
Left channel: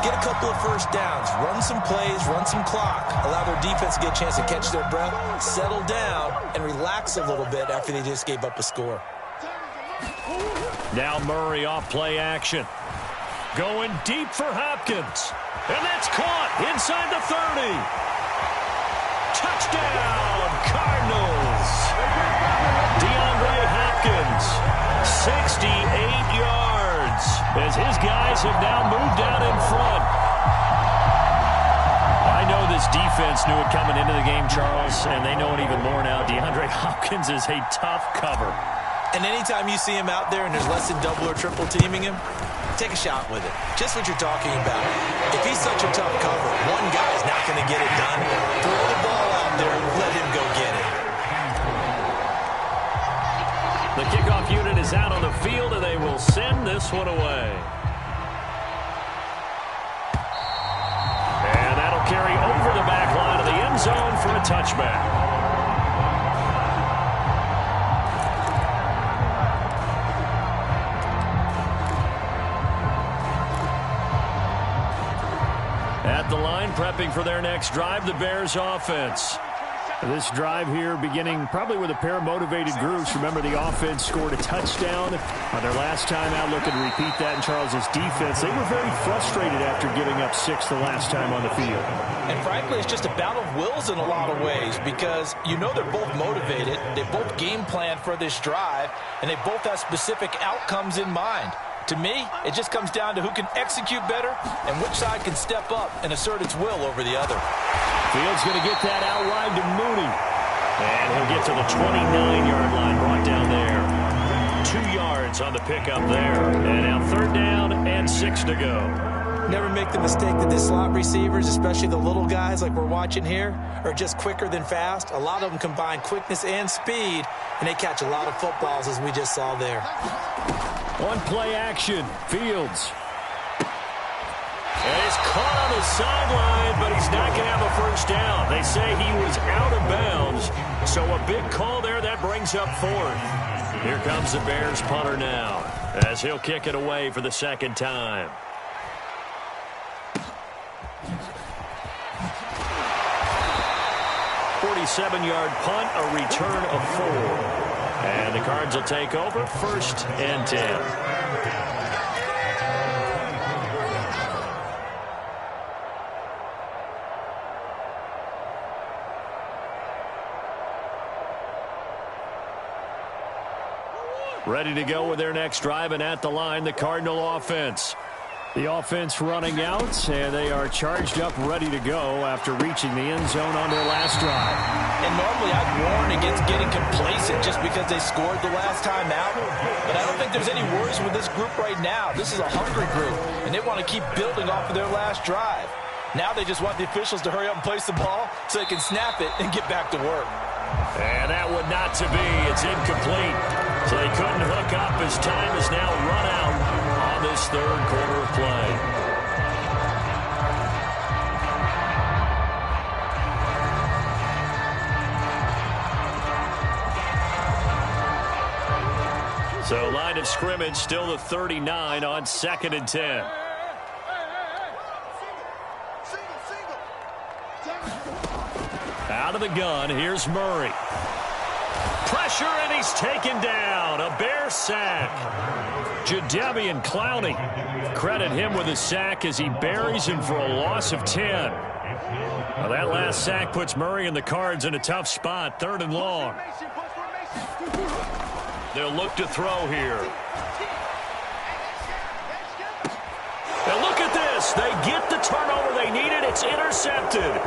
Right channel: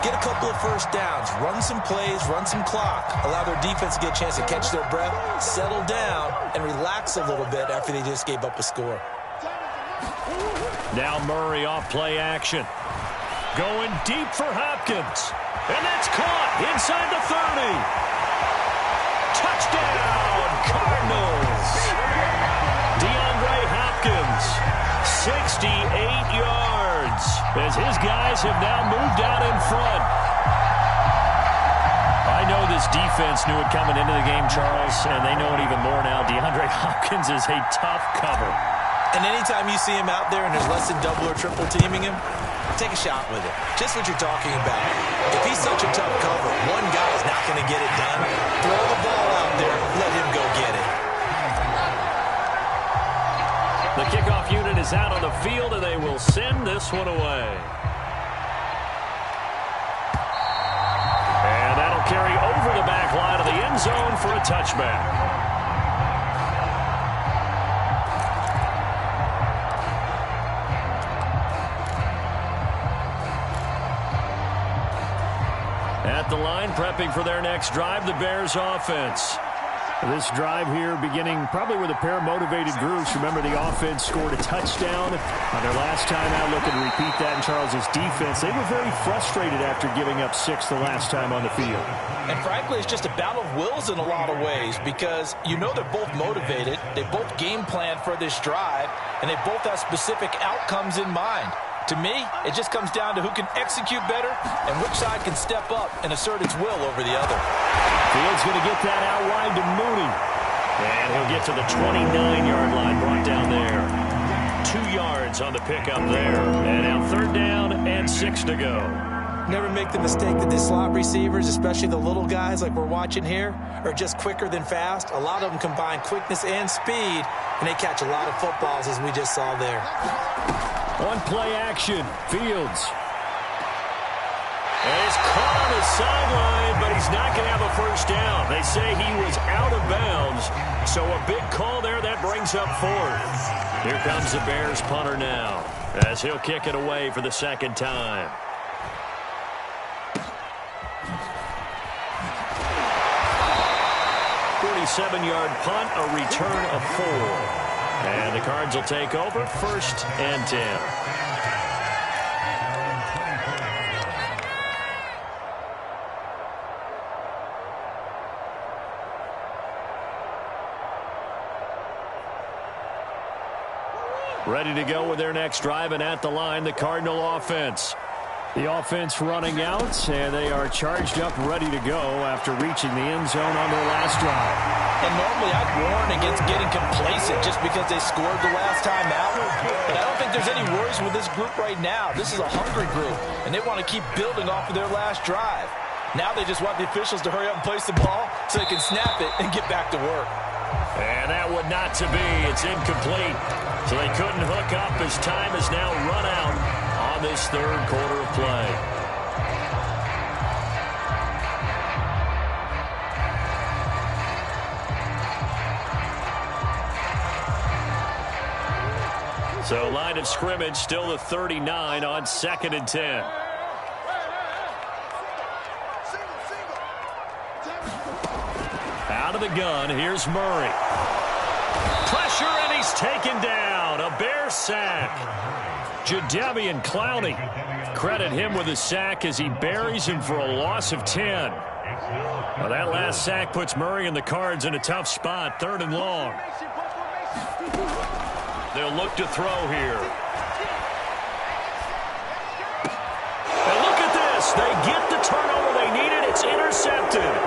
get a couple of 1st downs, run some plays, run some clock, allow their defense to get a chance to catch their breath, settle down, and relax a little bit after they just gave up a score. Now Murray off play action. Going deep for Hopkins. And that's caught inside the 30. Touchdown, Cardinals. DeAndre Hopkins, 68 yards, as his guys have now moved out in front. I know this defense knew it coming into the game, Charles, and they know it even more now. DeAndre Hopkins is a tough cover. And anytime you see him out there and there's less than double or triple teaming him, take a shot with it. Just what you're talking about. If he's such a tough cover, one guy's not going to get it done. Throw the ball out there, let him go get it. The kickoff unit is out on the field, and they will send this one away. And that'll carry over the back line of the end zone for a touchback. At the line, prepping for their next drive, the Bears offense. This drive here beginning probably with a pair of motivated groups. Remember, the offense scored a touchdown on their last time out. Looking to repeat that in Charles's defense. They were very frustrated after giving up 6 the last time on the field. And frankly, it's just a battle of wills in a lot of ways, because you know they're both motivated. They both game plan for this drive, and they both have specific outcomes in mind. To me, it just comes down to who can execute better and which side can step up and assert its will over the other. Field's going to get that out wide to Mooney. And he'll get to the 29-yard line, brought down there. 2 yards on the pickup there. And now 3rd down and 6 to go. Never make the mistake that the slot receivers, especially the little guys like we're watching here, are just quicker than fast. A lot of them combine quickness and speed, and they catch a lot of footballs, as we just saw there. On play action, Fields. And he's caught on the sideline, but he's not going to have a first down. They say he was out of bounds, so a big call there. That brings up 4th. Here comes the Bears punter now, as he'll kick it away for the 2nd time. .47-yard punt, a return of 4. And the Cards will take over, 1st and 10. Ready to go with their next drive, and at the line, the Cardinal offense. The offense running out, and they are charged up, ready to go after reaching the end zone on their last drive. And normally I'd warn against getting complacent just because they scored the last time out. But I don't think there's any worries with this group right now. This is a hungry group, and they want to keep building off of their last drive. Now they just want the officials to hurry up and place the ball so they can snap it and get back to work. And that would not to be. It's incomplete. So they couldn't hook up as time has now run out on this 3rd quarter of play. So line of scrimmage still the 39 on 2nd and 10. Out of the gun, here's Murray. Pressure, and he's taken down. A Bear sack. Jadeveon Clowney. Credit him with a sack as he buries him for a loss of 10. Now that last sack puts Murray and the Cards in a tough spot, 3rd and long. They'll look to throw here. And look at this. They get the turnover they needed. It's intercepted.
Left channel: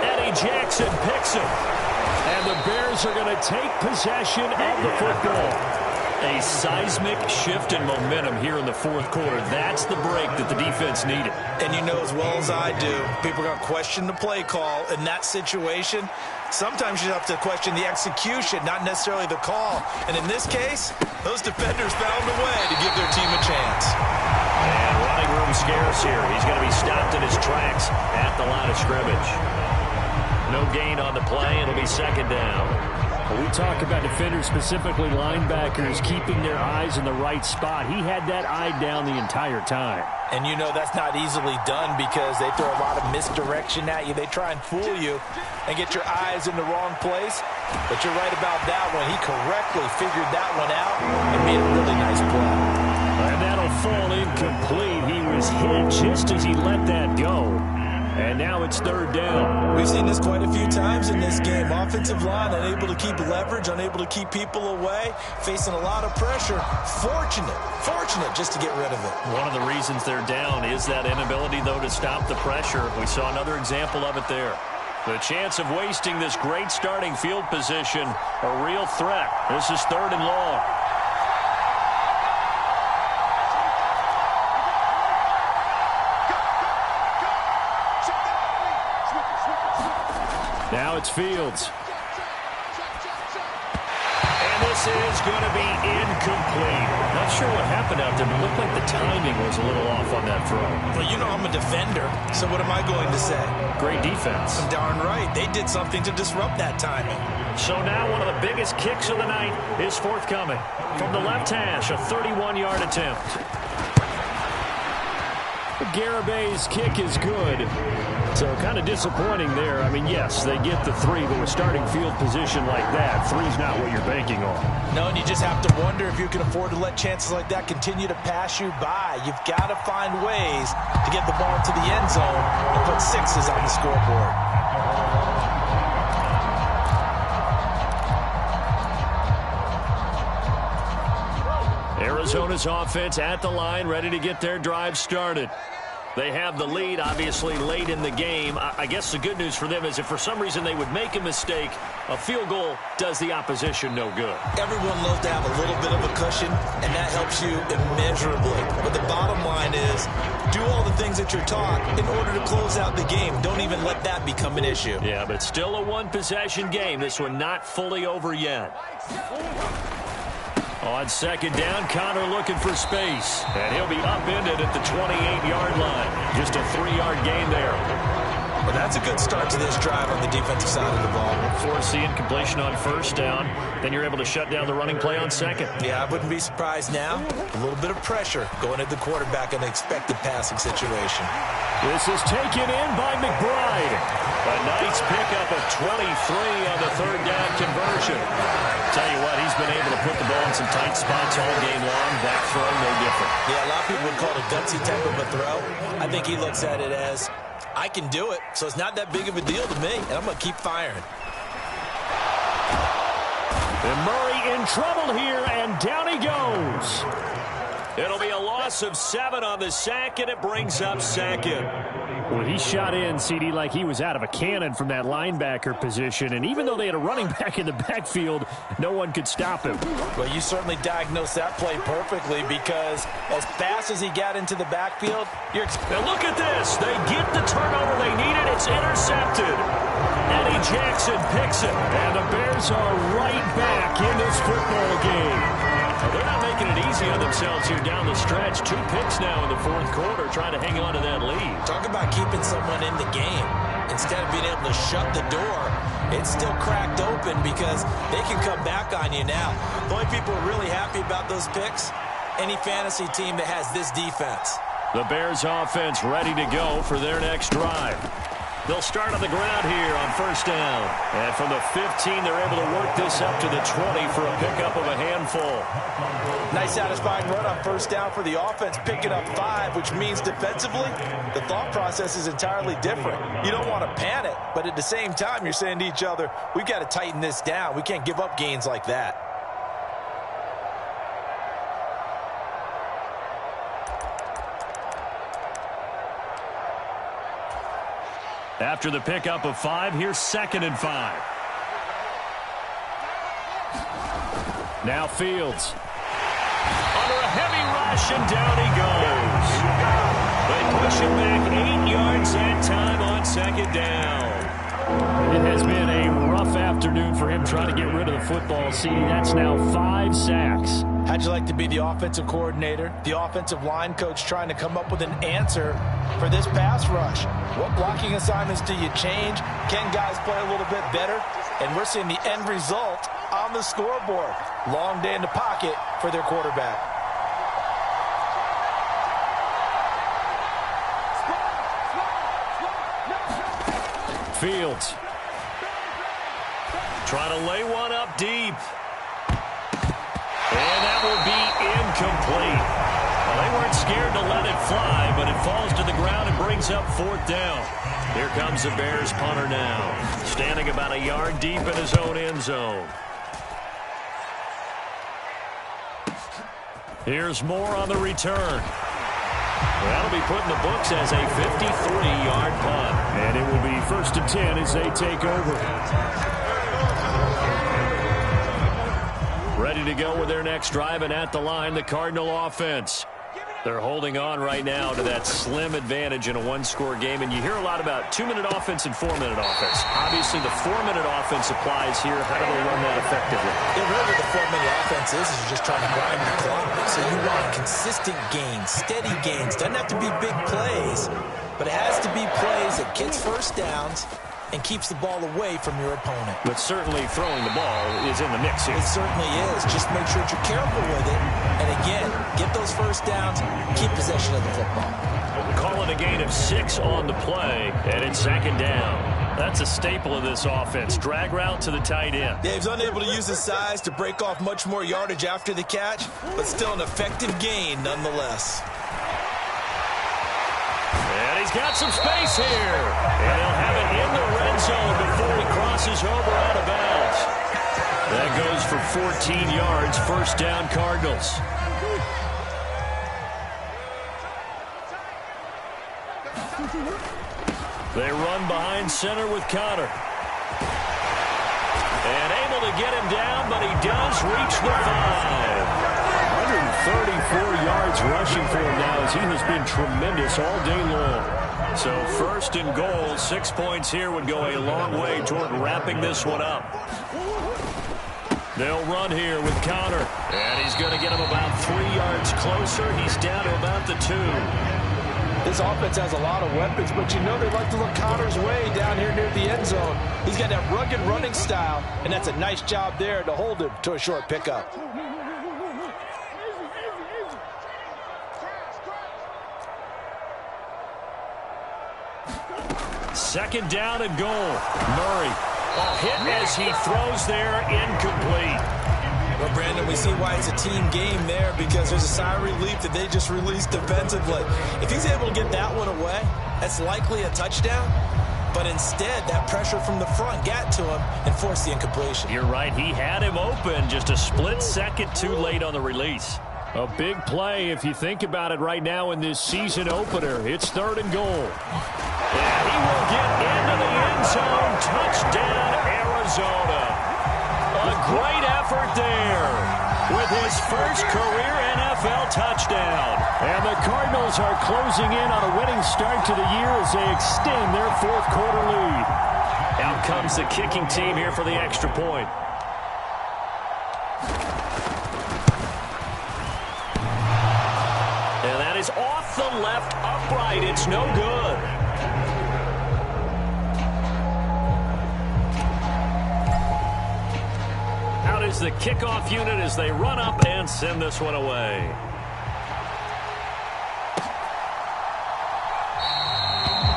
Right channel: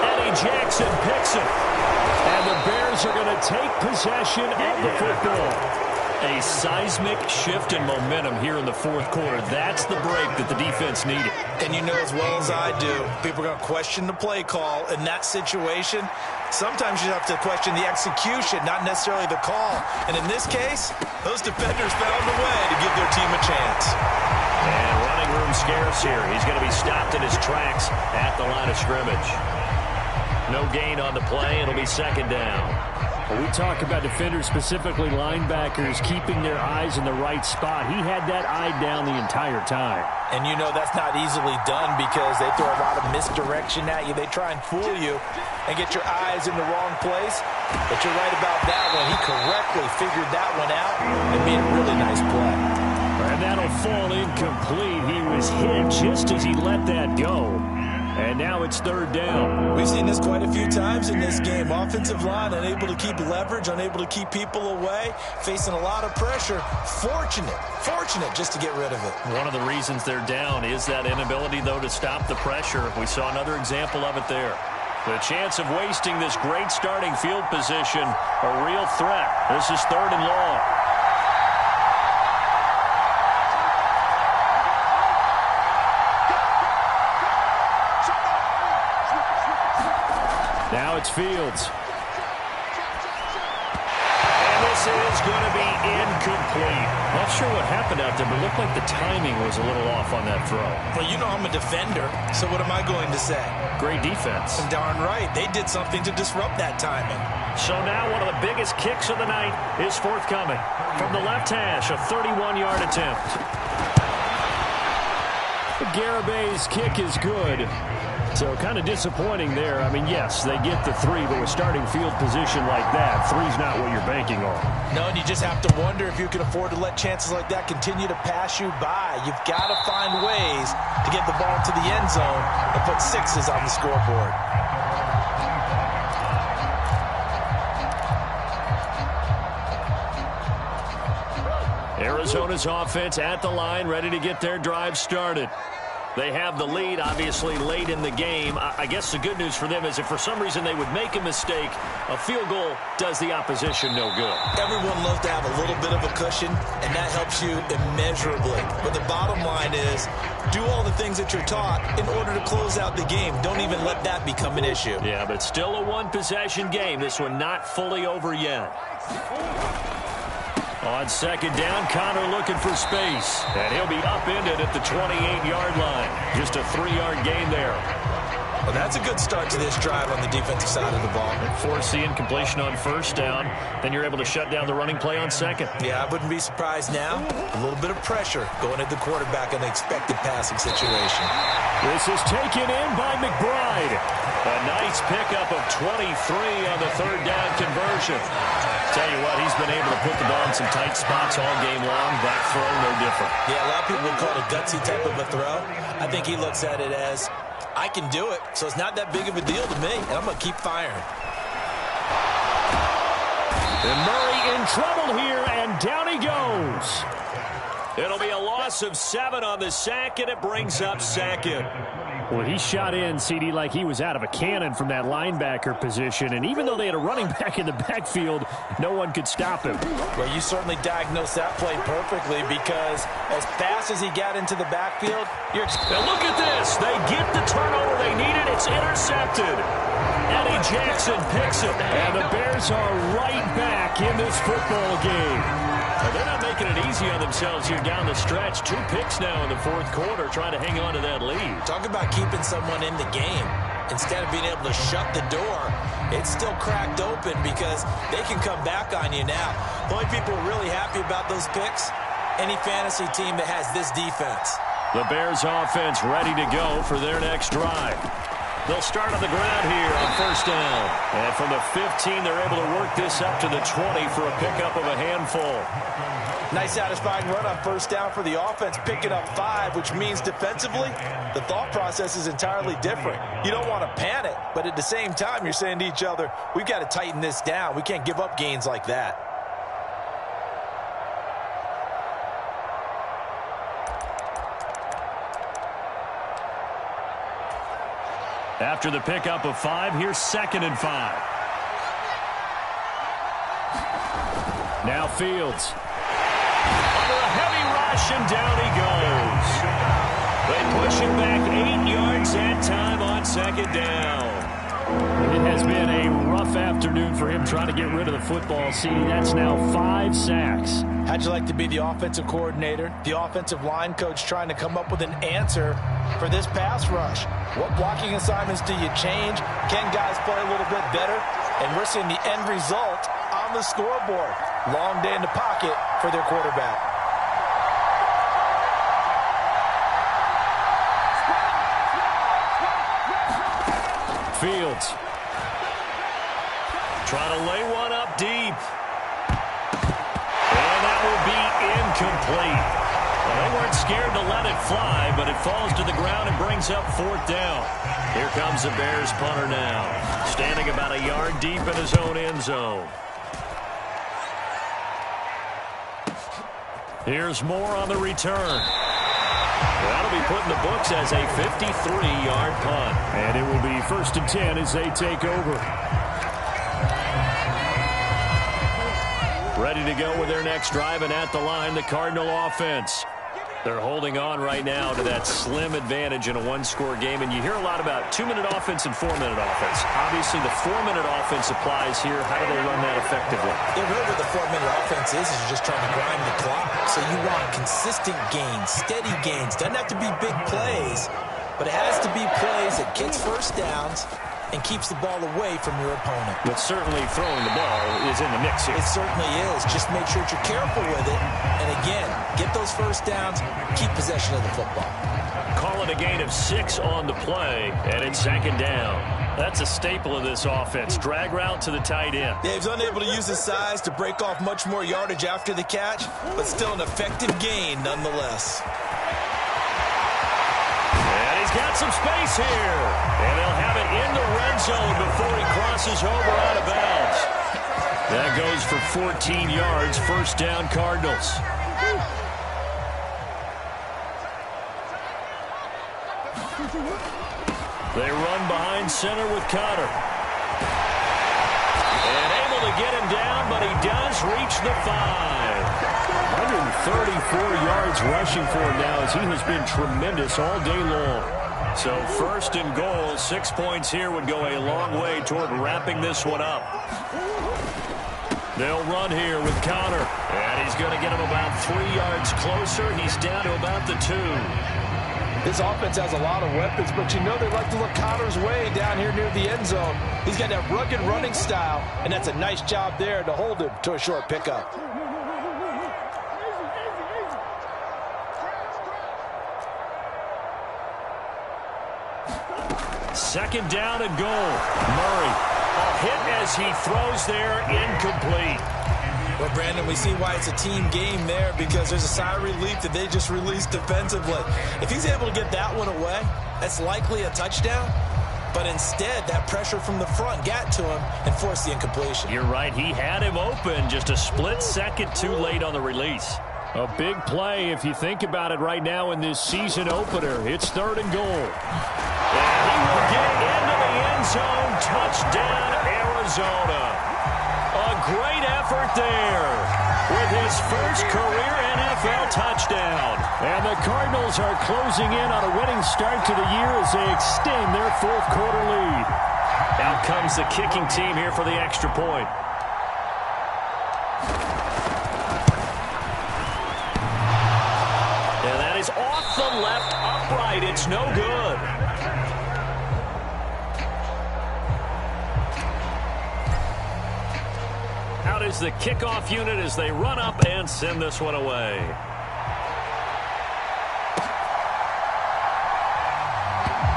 Eddie Jackson picks it. And the Bears are going to take possession of the football. A seismic shift in momentum here in the 4th quarter. That's the break that the defense needed. And you know as well as I do, people are going to question the play call in that situation. Sometimes you have to question the execution, not necessarily the call. And in this case, those defenders found a way to give their team a chance. And running room scarce here. He's going to be stopped in his tracks at the line of scrimmage. No gain on the play. It'll be 2nd down. Well, we talk about defenders, specifically linebackers, keeping their eyes in the right spot. He had that eye down the entire time. And you know that's not easily done because they throw a lot of misdirection at you. They try and fool you and get your eyes in the wrong place. But you're right about that one. He correctly figured that one out and made a really nice play. And that'll fall incomplete. He was hit just as he let that go. And now it's third down. We've seen this quite a few times in this game. Offensive line unable to keep leverage, unable to keep people away, facing a lot of pressure. Fortunate just to get rid of it. One of the reasons they're down is that inability, though, to stop the pressure. We saw another example of it there. The chance of wasting this great starting field position, a real threat. This is third and long. Now it's Fields. And this is going to be incomplete. Not sure what happened out there, but it looked like the timing was a little off on that throw. Well, you know I'm a defender, so what am I going to say? Great defense. Darn right. They did something to disrupt that timing. So now one of the biggest kicks of the night is forthcoming. From the left hash, a 31-yard attempt. Garabay's kick is good. So kind of disappointing there. I mean, yes, they get the 3, but with starting field position like that, 3's not what you're banking on. No, and you just have to wonder if you can afford to let chances like that continue to pass you by. You've got to find ways to get the ball into the end zone and put 6s on the scoreboard. Arizona's offense at the line, ready to get their drive started. They have the lead, obviously, late in the game. I guess the good news for them is if for some reason they would make a mistake, a field goal does the opposition no good. Everyone loves to have a little bit of a cushion, and that helps you immeasurably. But the bottom line is, do all the things that you're taught in order to close out the game. Don't even let that become an issue. Yeah, but still a one-possession game. This one not fully over yet. On second down, Connor looking for space. And he'll be upended at the 28-yard line. Just a 3-yard gain there. Well, that's a good start to this drive on the defensive side of the ball. Force the incompletion on first down. Then you're able to shut down the running play on second. Yeah, I wouldn't be surprised now. A little bit of pressure going at the quarterback in the expected passing situation. This is taken in by McBride. A nice pickup of 23 on the third down conversion. Tell you what, he's been able to put the ball in some tight spots all game long. That throw, no different. Yeah, a lot of people would call it a gutsy type of a throw. I think he looks at it as, I can do it, so it's not that big of a deal to me, and I'm going to keep firing. And Murray in trouble here, and down he goes. It'll be a loss of 7 on the sack, and it brings up second. Well, he shot in, CD, like he was out of a cannon from that linebacker position. And even though they had a running back in the backfield, no one could stop him. Well, you certainly diagnosed that play perfectly because as fast as he got into the backfield, now look at this. They get the turnover they needed. It's intercepted. Eddie Jackson picks it. And the Bears are right back in this football game. Well, they're not making it easy on themselves here down the stretch. 2 picks now in the fourth quarter, trying to hang on to that lead. Talk about keeping someone in the game. Instead of being able to shut the door, it's still cracked open because they can come back on you now. The only people who are really happy about those picks, any fantasy team that has this defense. The Bears offense ready to go for their next drive. They'll start on the ground here on first down. And from the 15, they're able to work this up to the 20 for a pickup of a handful. Nice satisfying run on first down for the offense, picking up 5, which means defensively, the thought process is entirely different. You don't want to panic, but at the same time, you're saying to each other, we've got to tighten this down. We can't give up gains like that. After the pickup of 5, here's 2nd and 5. Now Fields. Under a heavy rush, and down he goes. They push him back 8 yards that time on second down. It has been a rough afternoon for him trying to get rid of the football. See, that's now 5 sacks. How'd you like to be the offensive coordinator, the offensive line coach trying to come up with an answer for this pass rush? What blocking assignments do you change? Can guys play a little bit better? And we're seeing the end result on the scoreboard. Long day in the pocket for their quarterback. Fields. Trying to lay one up deep. And that will be incomplete. Well, they weren't scared to let it fly, but it falls to the ground and brings up 4th down. Here comes the Bears punter now, standing about a yard deep in his own end zone. Here's Moore on the return. That'll be put in the books as a 53-yard punt. And it will be 1st and 10 as they take over. Ready to go with their next drive, and at the line, the Cardinal offense. They're holding on right now to that slim advantage in a one-score game, and you hear a lot about 2-minute offense and 4-minute offense. Obviously, the 4-minute offense applies here. How do they run that effectively? Yeah, really what the 4-minute offense is you're just trying to grind the clock. So you want consistent gains, steady gains. Doesn't have to be big plays, but it has to be plays that gets first downs and keeps the ball away from your opponent. But certainly throwing the ball is in the mix here. It certainly is. Just make sure that you're careful with it. And again, get those first downs, keep possession of the football. Call it a gain of 6 on the play, and it's 2nd down. That's a staple of this offense. Drag route to the tight end. Yeah, he's unable to use his size to break off much more yardage after the catch, but still an effective gain nonetheless. And he's got some space here. And they'll have it in the red zone before he crosses over out of bounds. That goes for 14 yards. 1st down, Cardinals. They run behind center with Connor. And able to get him down, but he does reach the 5. 134 yards rushing for him now as he has been tremendous all day long. So 1st and goal, 6 points here would go a long way toward wrapping this one up. They'll run here with Connor. And he's going to get him about 3 yards closer. He's down to about the 2. This offense has a lot of weapons, but you know they like to look Connor's way down here near the end zone. He's got that rugged running style, and that's a nice job there to hold him to a short pickup. Second down and goal. Murray. A hit as he throws there, incomplete. Well, Brandon, we see why it's a team game there, because there's a sigh of relief that they just released defensively. If he's able to get that one away, that's likely a touchdown. But instead, that pressure from the front got to him and forced the incompletion. You're right. He had him open, just a split second too late on the release. A big play if you think about it right now in this season opener. It's 3rd and goal. And he will get into the end zone. Touchdown, Arizona. A great effort there with his first career NFL touchdown. And the Cardinals are closing in on a winning start to the year as they extend their 4th quarter lead. Out comes the kicking team here for the extra point. And that is off the left upright. It's no good. Out is the kickoff unit as they run up and send this one away.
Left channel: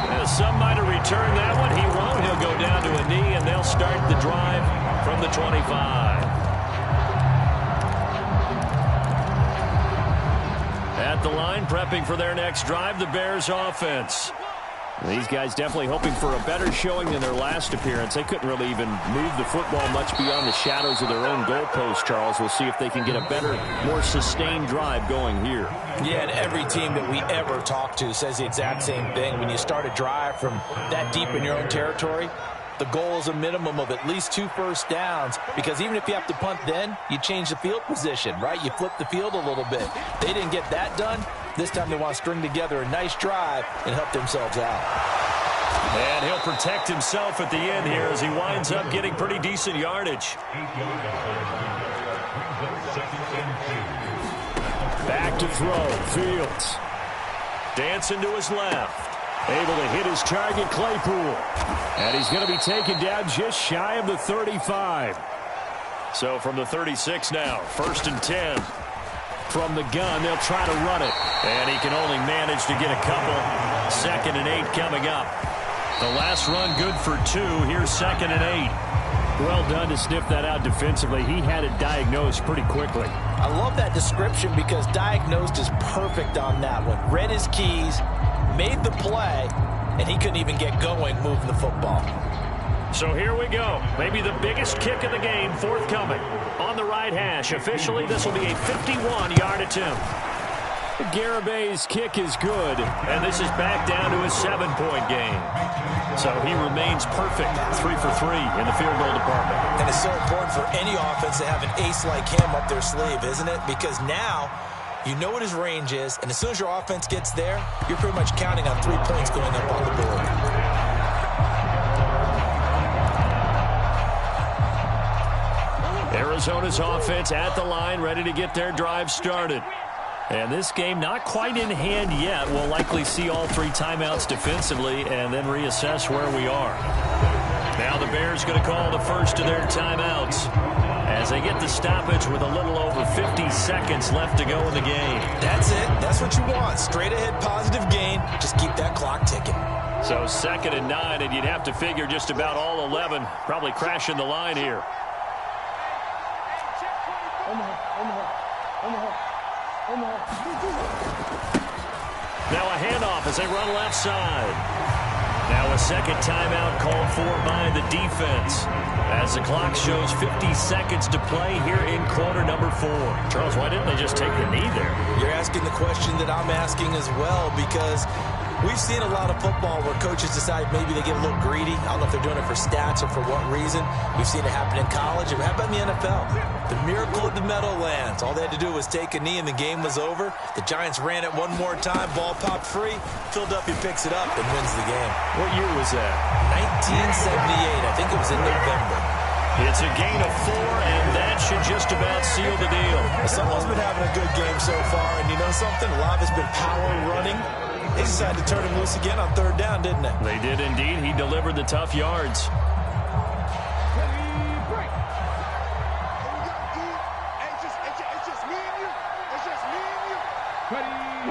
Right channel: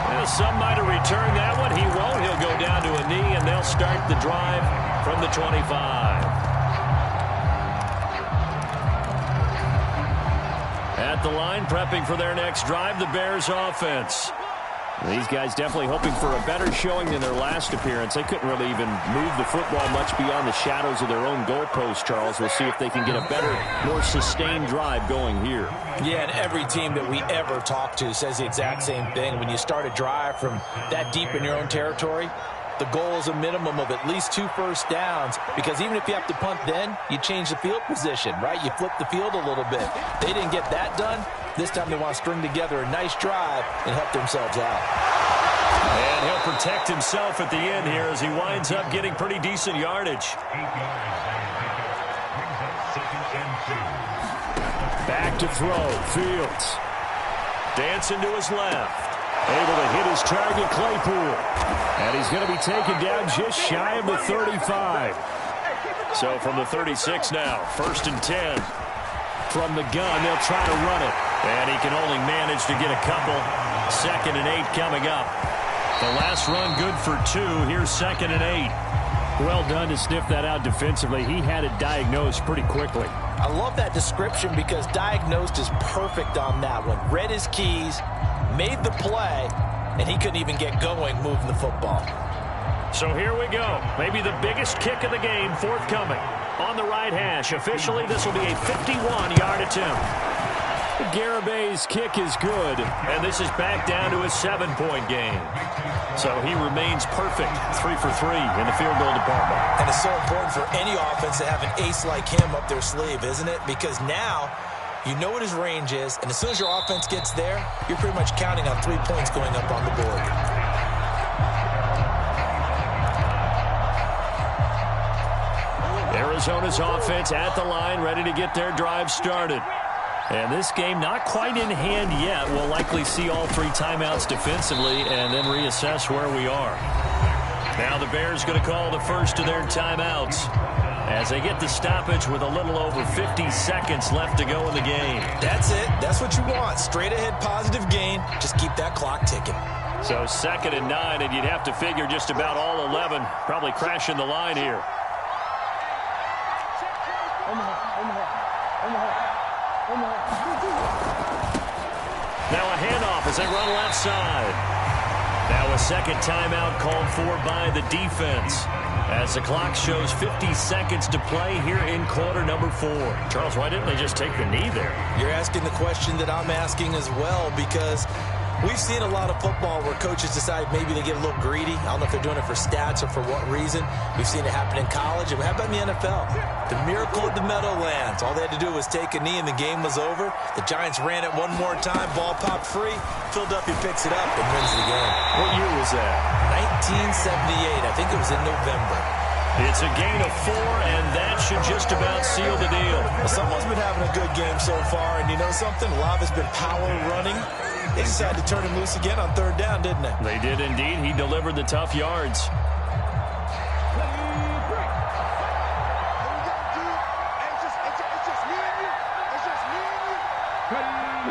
Well, some might have returned that one. He won't. He'll go down to a knee, and they'll start the drive from the 25. At the line, prepping for their next drive, the Bears offense. These guys definitely hoping for a better showing than their last appearance. They couldn't really even move the football much beyond the shadows of their own goalpost, Charles. We'll see if they can get a better, more sustained drive going here. Yeah, and every team that we ever talk to says the exact same thing. When you start a drive from that deep in your own territory, the goal is a minimum of at least 2 first downs, because even if you have to punt then, you change the field position, right? You flip the field a little bit. They didn't get that done. This time they want to string together a nice drive and help themselves out. And he'll protect himself at the end here as he winds up getting pretty decent yardage. Back to throw. Fields. Dancing to his left. Able to hit his target, Claypool. And he's going to be taken down just shy of the 35. So from the 36 now, 1st and 10. From the gun, they'll try to run it. And he can only manage to get a couple. 2nd and 8 coming up. The last run good for 2. Here's 2nd and 8. Well done to sniff that out defensively. He had it diagnosed pretty quickly. I love that description because diagnosed is perfect on that one. Read his keys, made the play, and he couldn't even get going moving the football. So here we go. Maybe the biggest kick of the game forthcoming. On the right hash. Officially, this will be a 51-yard attempt. Garabay's kick is good, and this is back down to a 7-point game. So he remains perfect, 3 for 3 in the field goal department. And it's so important for any offense to have an ace like him up their sleeve, isn't it? Because now you know what his range is, and as soon as your offense gets there, you're pretty much counting on 3 points going up on the board. Arizona's offense at the line, ready to get their drive started. And this game not quite in hand yet. We'll likely see all 3 timeouts defensively and then reassess where we are. Now the Bears going to call the first of their timeouts as they get the stoppage with a little over 50 seconds left to go in the game. That's it. That's what you want. Straight ahead positive gain. Just keep that clock ticking. So 2nd and 9, and you'd have to figure just about all 11 probably crashing the line here. Now a handoff as they run left side. Now a second timeout called for by the defense as the clock shows 50 seconds to play here in quarter number 4. Charles, why didn't they just take the knee there? You're asking the question that I'm asking as well, because we've seen a lot of football where coaches decide maybe they get a little greedy. I don't know if they're doing it for stats or for what reason. We've seen it happen in college. And how about in the NFL? The miracle of the Meadowlands. All they had to do was take a knee and the game was over. The Giants ran it one more time. Ball popped free. Philadelphia picks it up and wins the game. What year was that? 1978. I think it was in November. It's a gain of 4, and that should just about seal the deal. Well, someone's been having a good game so far, and you know something? A lot of it's been power running. They decided to turn him loose again on 3rd down, didn't they? They did indeed. He delivered the tough yards.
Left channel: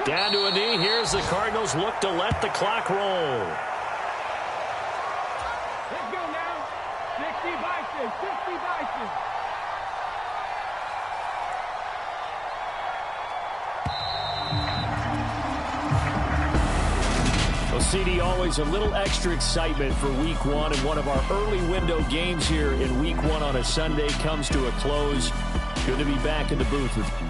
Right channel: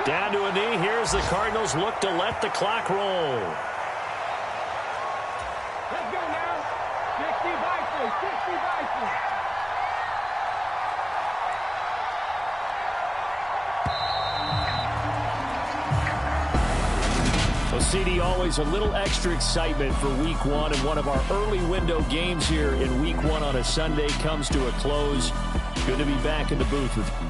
Down to a knee. Here's the Cardinals look to let the clock roll. Let's go now. 60 Vikings. 60 Vikings. Well, CD, always a little extra excitement for Week 1, and one of our early window games here in Week 1 on a Sunday comes to a close. Good to be back in the booth with you.